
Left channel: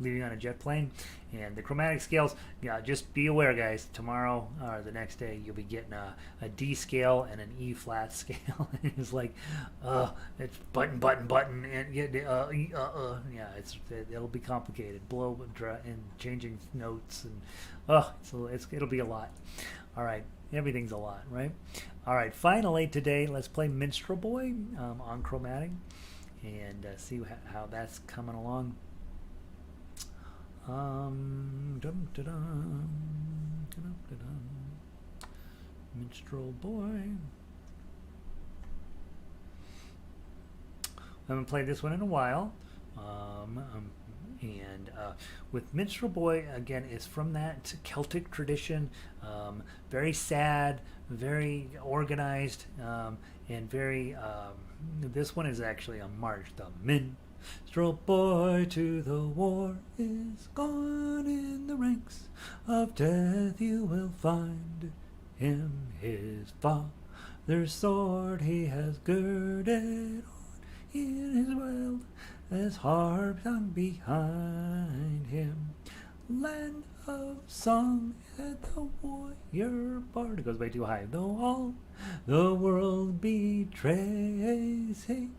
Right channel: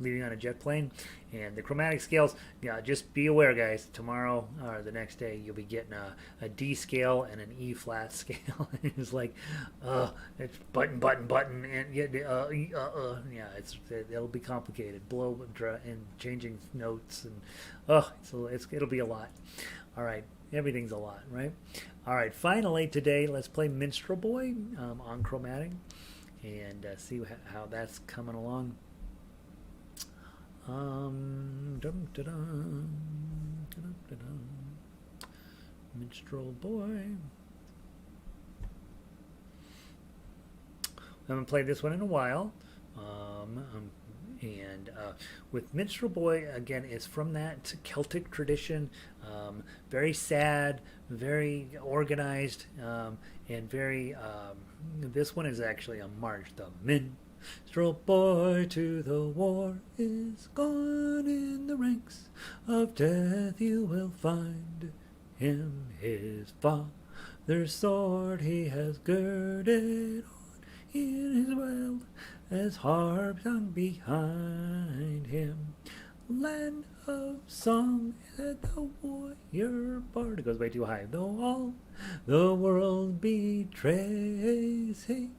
leaving on a jet plane. And the chromatic scales, yeah, just be aware, guys. Tomorrow or the next day, you'll be getting a D scale and an E flat scale. It's like, it's button, and yeah, it'll be complicated. Blow and changing notes, and it'll be a lot. All right, everything's a lot, right? All right, finally today, let's play Minstrel Boy on chromatic and see how that's coming along. Minstrel Boy. I haven't played this one in a while. And with Minstrel Boy, again, is from that Celtic tradition. Very sad, very organized, and very... this one is actually a march. The Minstrel Boy to the war is gone, in the ranks of death you will find him. His father's sword he has girded on, in his wild as harp sung behind him. Land of song and the warrior bard. It goes way too high. Though all the world betrays, hey,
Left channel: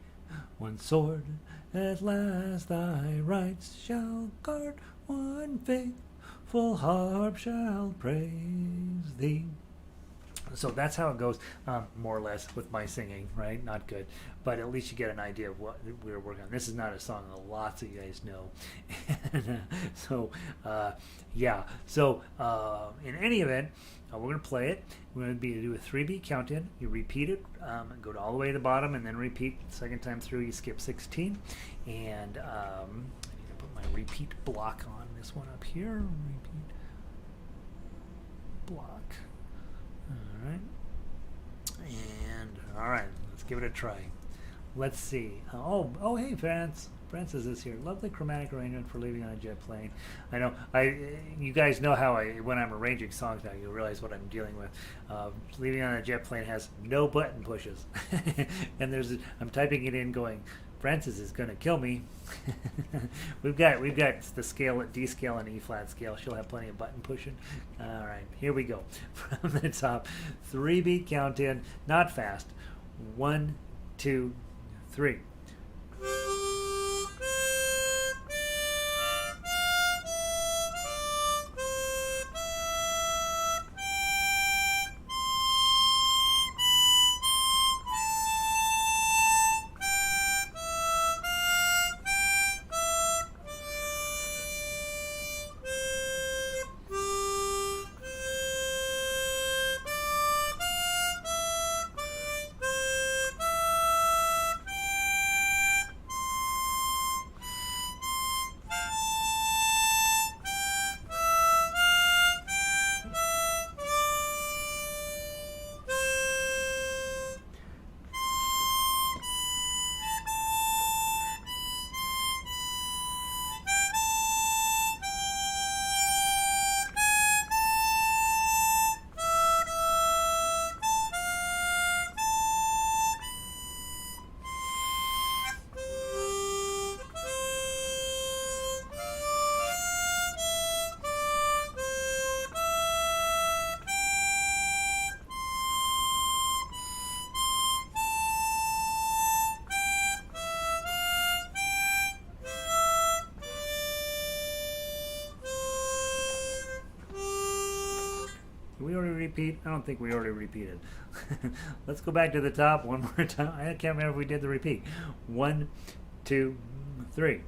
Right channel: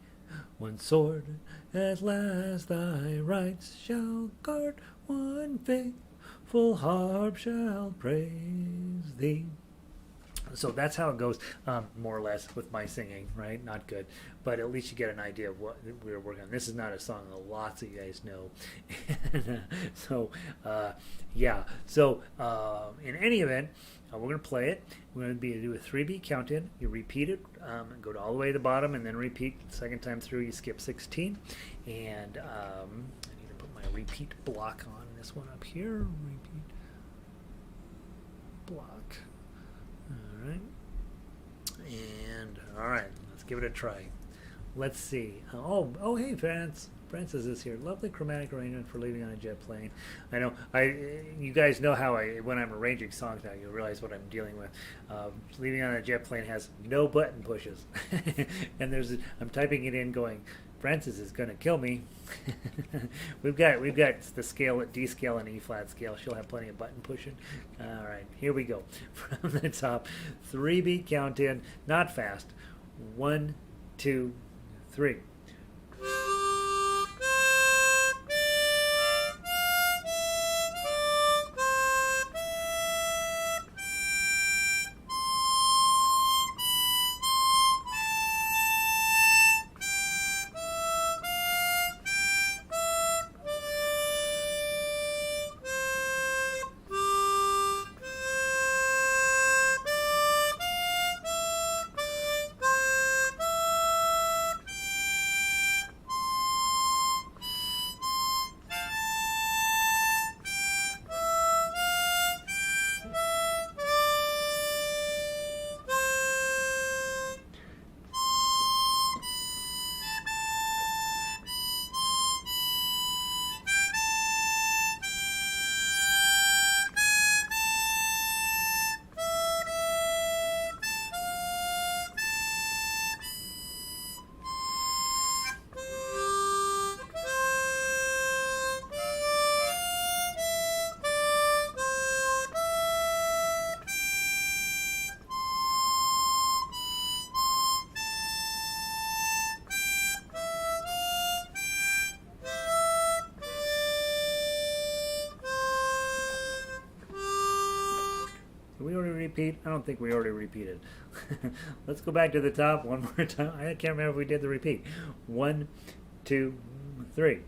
one sword at last thy rights shall guard, one faith full harp shall praise thee. So that's how it goes, more or less, with my singing, right? Not good, but at least you get an idea of what we're working on. This is not a song that lots of you guys know. So, yeah. So, in any event, we're going to play it. We're going to do a 3-beat count-in. You repeat it, go to all the way to the bottom, and then repeat. Second time through, you skip 16. And I need to put my repeat block on this one up here. Repeat block. All right. And all right, let's give it a try. Let's see. Oh, hey, Francis is here. Lovely chromatic arrangement for leaving on a jet plane. I know. You guys know how when I'm arranging songs now, you realize what I'm dealing with. Leaving on a jet plane has no button pushes, and I'm typing it in, going, Francis is going to kill me. We've got the scale at D scale and E flat scale. She'll have plenty of button pushing. All right, here we go. From the top, 3-beat count in, not fast. 1, 2, 3. Did we already repeat? I don't think we already repeated. Let's go back to the top one more time. I can't remember if we did the repeat. 1, 2, 3.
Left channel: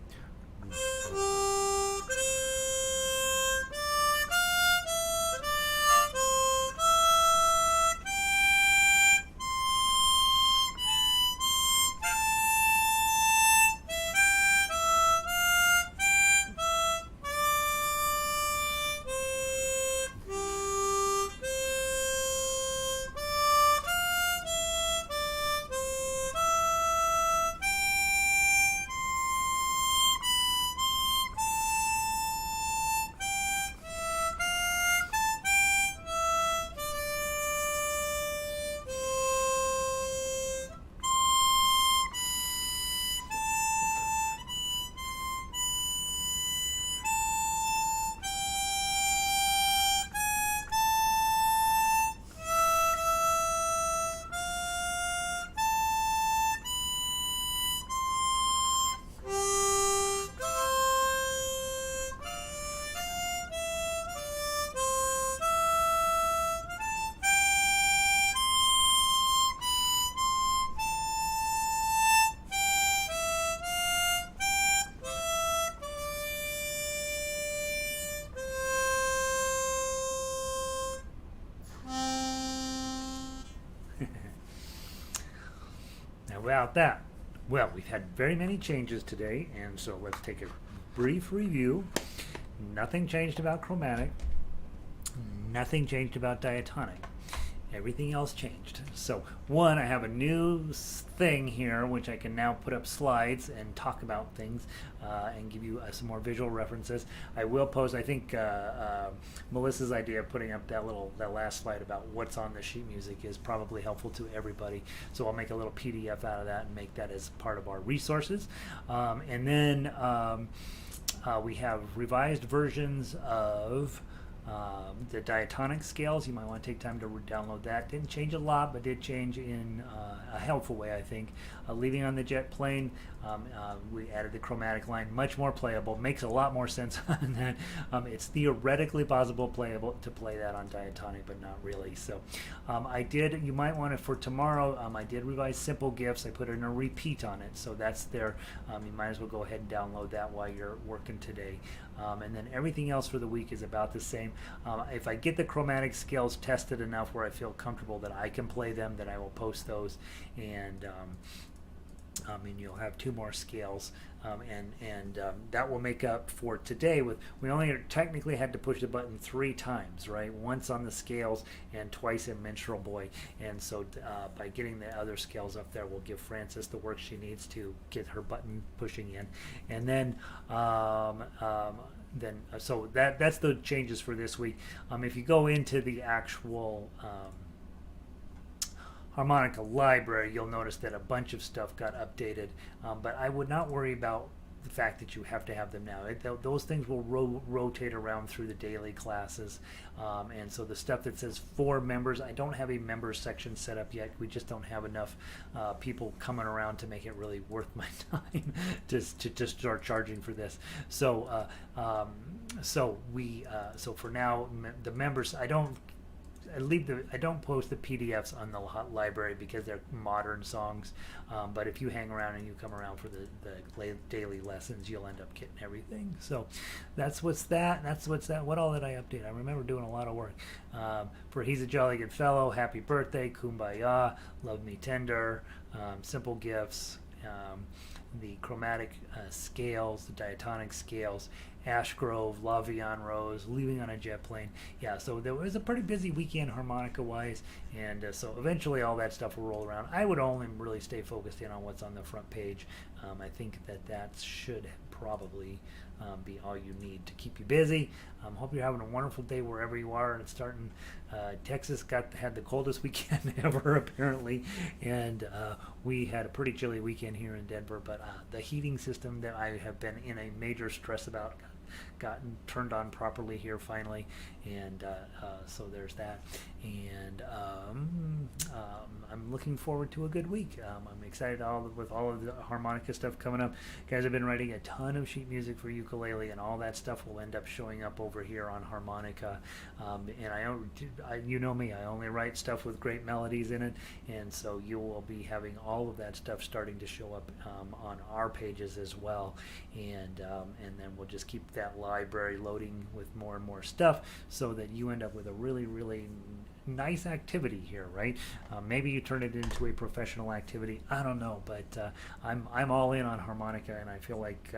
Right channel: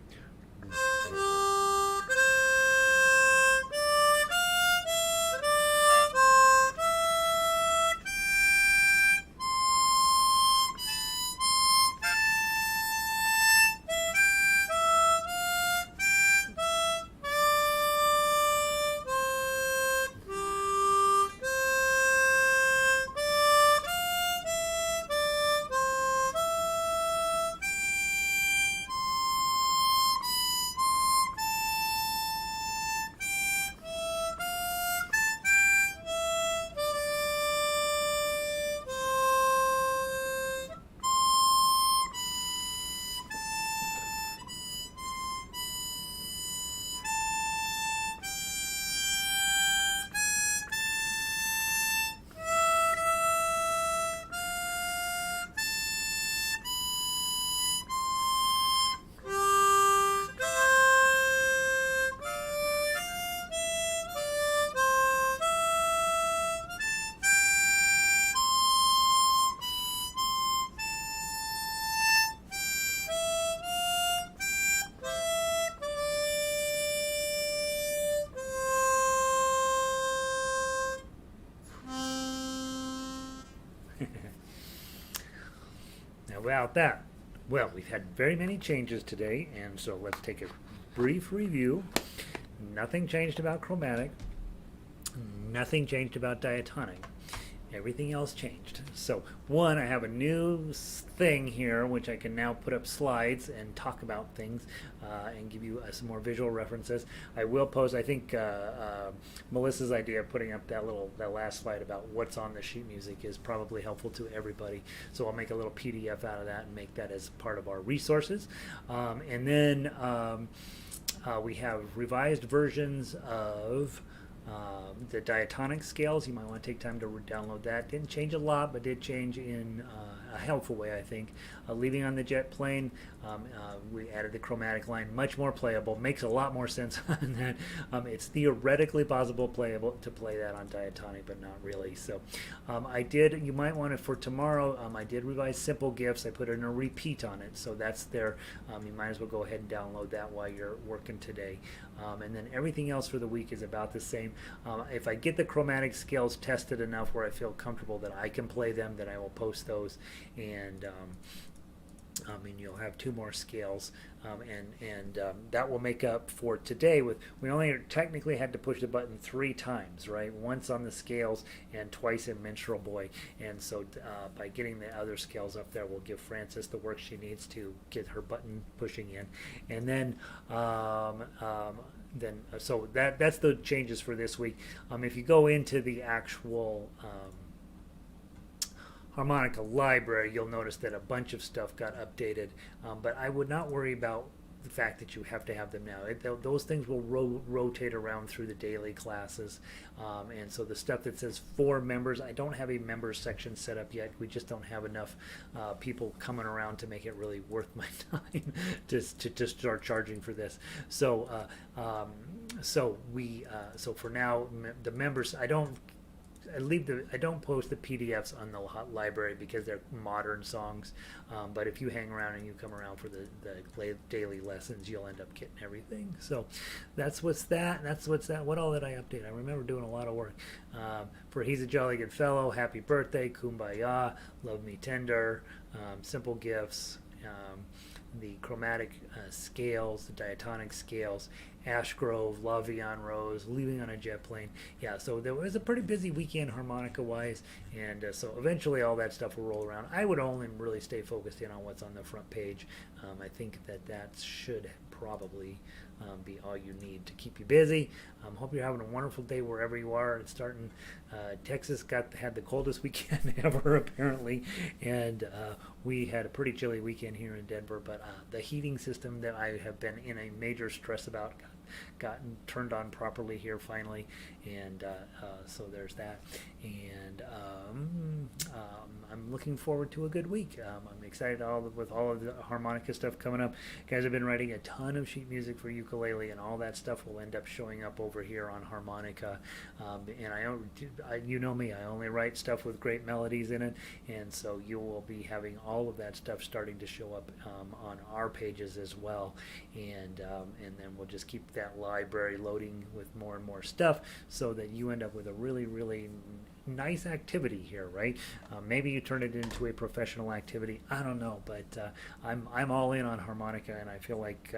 About that, well, we've had very many changes today, and so let's take a brief review. Nothing changed about chromatic, nothing changed about diatonic. Everything else changed. So, one, I have a new thing here, which I can now put up slides and talk about things and give you some more visual references. I will post, I think, Melissa's idea of putting up that last slide about what's on the sheet music is probably helpful to everybody. So I'll make a little PDF out of that and make that as part of our resources. And then we have revised versions of the diatonic scales. You might want to take time to download that. Didn't change a lot, but did change in a helpful way, I think. Leaving on the jet plane, We added the chromatic line, much more playable, makes a lot more sense on that. It's theoretically possible to play that on Diatonic, but not really. So you might want to, for tomorrow, I did revise Simple Gifts. I put in a repeat on it, so that's there. You might as well go ahead and download that while you're working today. And then everything else for the week is about the same. If I get the chromatic scales tested enough where I feel comfortable that I can play them, then I will post those. And you'll have 2 more scales, and that will make up for today. We only technically had to push the button 3 times, right? Once on the scales and twice in Minstrel Boy. And so by getting the other scales up there, we'll give Frances the work she needs to get her button pushing in. And then so that's the changes for this week. If you go into the actual harmonica library, you'll notice that a bunch of stuff got updated, but I would not worry about the fact that you have to have them now. Those things will rotate around through the daily classes, and so the stuff that says for members, I don't have a members section set up yet. We just don't have enough people coming around to make it really worth my time to start charging for this. So so for now, the members, I don't post the PDFs on the library because they're modern songs. But if you hang around and you come around for the daily lessons, you'll end up getting everything. So that's what all that I update. I remember doing a lot of work. For He's a Jolly Good Fellow, Happy Birthday, Kumbaya, Love Me Tender, Simple Gifts, the chromatic scales, the diatonic scales, Ash Grove, La Vie en Rose, Leaving on a Jet Plane. Yeah, so there was a pretty busy weekend harmonica-wise, and so eventually all that stuff will roll around. I would only really stay focused in on what's on the front page. I think that should probably be all you need to keep you busy. Hope you're having a wonderful day wherever you are. It's starting. Texas had the coldest weekend ever apparently, and we had a pretty chilly weekend here in Denver. But the heating system that I have been in a major stress about gotten turned on properly here finally, and so there's that. And I'm looking forward to a good week. I'm excited with all of the harmonica stuff coming up. Guys, I've been writing a ton of sheet music for ukulele, and all that stuff will end up showing up over here on harmonica. And you know me, I only write stuff with great melodies in it, and so you will be having all of that stuff starting to show up on our pages as well. And then we'll just keep that library loading with more and more stuff so that you end up with a really, really nice activity here, right? Maybe you turn it into a professional activity. I don't know, but I'm all in on harmonica, and I feel like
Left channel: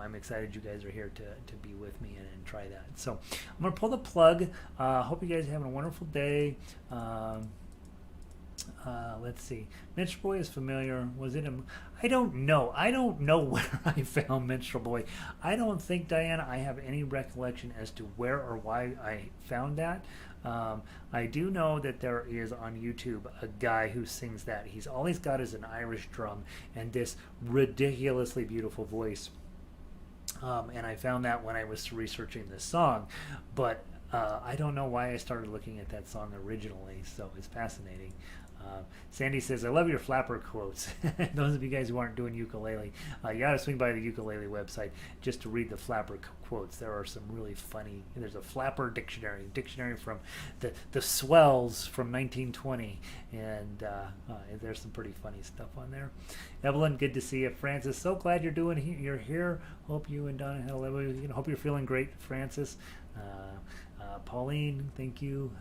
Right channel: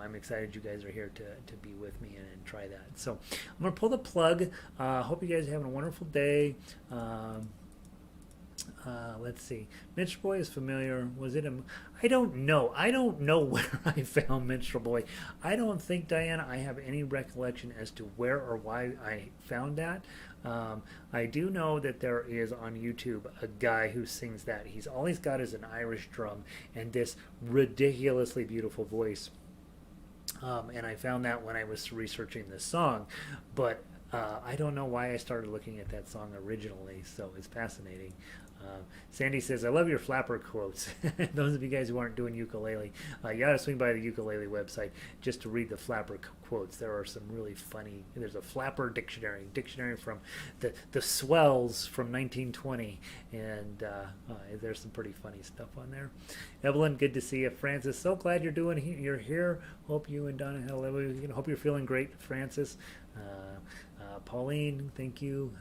I'm excited you guys are here to be with me and try that. So I'm going to pull the plug. Hope you guys are having a wonderful day. Let's see. Minstrel Boy is familiar. Was it I don't know. I don't know where I found Minstrel Boy. I don't think, Diana, I have any recollection as to where or why I found that. I do know that there is on YouTube a guy who sings that. All he's got is an Irish drum and this ridiculously beautiful voice. And I found that when I was researching this song. But I don't know why I started looking at that song originally, so it's fascinating. Sandy says, I love your flapper quotes. Those of you guys who aren't doing ukulele, you got to swing by the ukulele website just to read the flapper quotes. There are some really funny. There's a flapper dictionary from the swells from 1920, and there's some pretty funny stuff on there. Evelyn, good to see you. Francis, so glad you're here. Hope you and Donna had a lovely weekend. Hope you're feeling great, Francis. Pauline, thank you.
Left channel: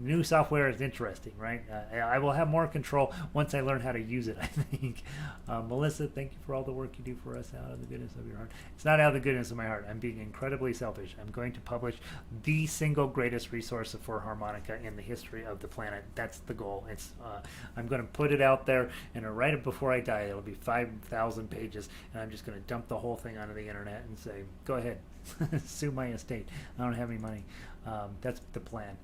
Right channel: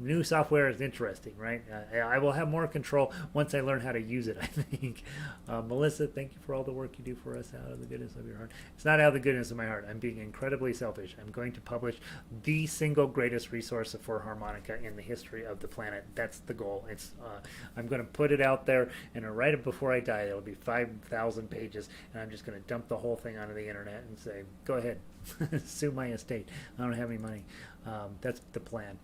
New software is interesting, right? I will have more control once I learn how to use it, I think. Melissa, thank you for all the work you do for us out of the goodness of your heart. It's not out of the goodness of my heart. I'm being incredibly selfish. I'm going to publish the single greatest resource for harmonica in the history of the planet. That's the goal. I'm going to put it out there, and right before I die, it'll be 5,000 pages, and I'm just going to dump the whole thing onto the internet and say, go ahead, sue my estate. I don't have any money. That's the plan.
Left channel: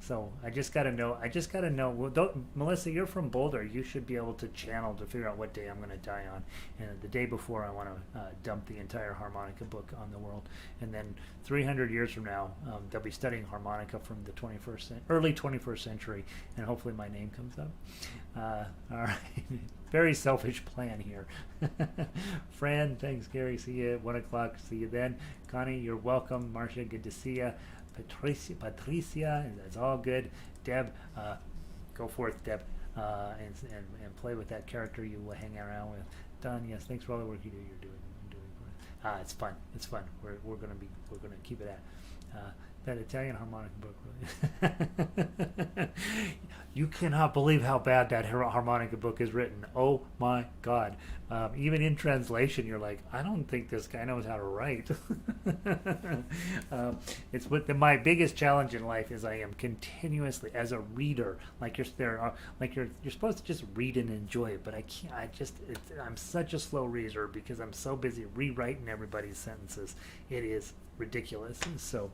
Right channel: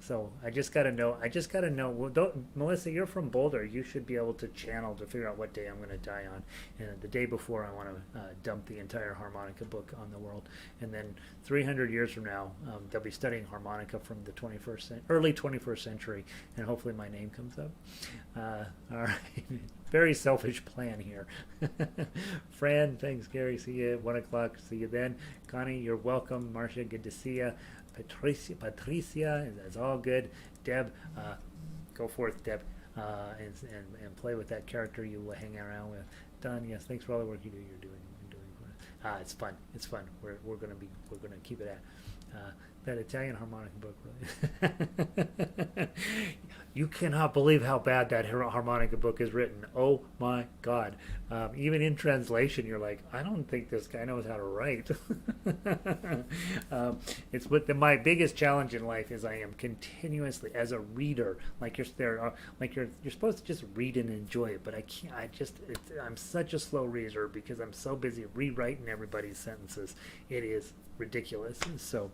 So I just got to know. Well, Melissa, you're from Boulder. You should be able to channel to figure out what day I'm going to die on. And the day before, I want to dump the entire harmonica book on the world. And then 300 years from now, they'll be studying harmonica from the early 21st century, and hopefully my name comes up. All right. very selfish plan here. Fran, thanks, Gary. See you at 1 o'clock. See you then. Connie, you're welcome. Marcia, good to see you. Patricia, that's all good. Deb, go forth, Deb, and play with that character you hang around with. Don, yes, thanks for all the work you're doing. It's fun. It's fun. We're gonna keep it at that Italian harmonica book. You cannot believe how bad that harmonica book is written. Oh my God! Even in translation, you're like, I don't think this guy knows how to write. It's my biggest challenge in life is I am continuously as a reader, like you're supposed to just read and enjoy it, but I can't. I'm such a slow reader because I'm so busy rewriting everybody's sentences. It is ridiculous. And so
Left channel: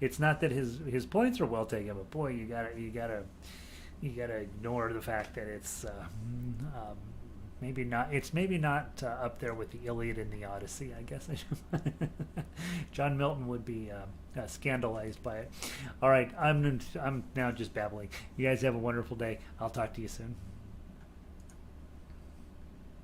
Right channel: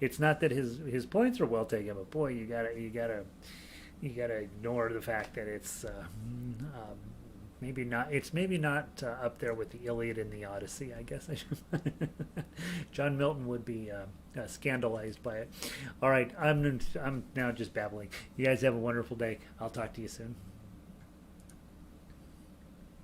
it's not that his points are well taken, but boy, you gotta ignore the fact that it's maybe not up there with the Iliad and the Odyssey, I guess. John Milton would be scandalized by it. All right, I'm now just babbling. You guys have a wonderful day. I'll talk to you soon.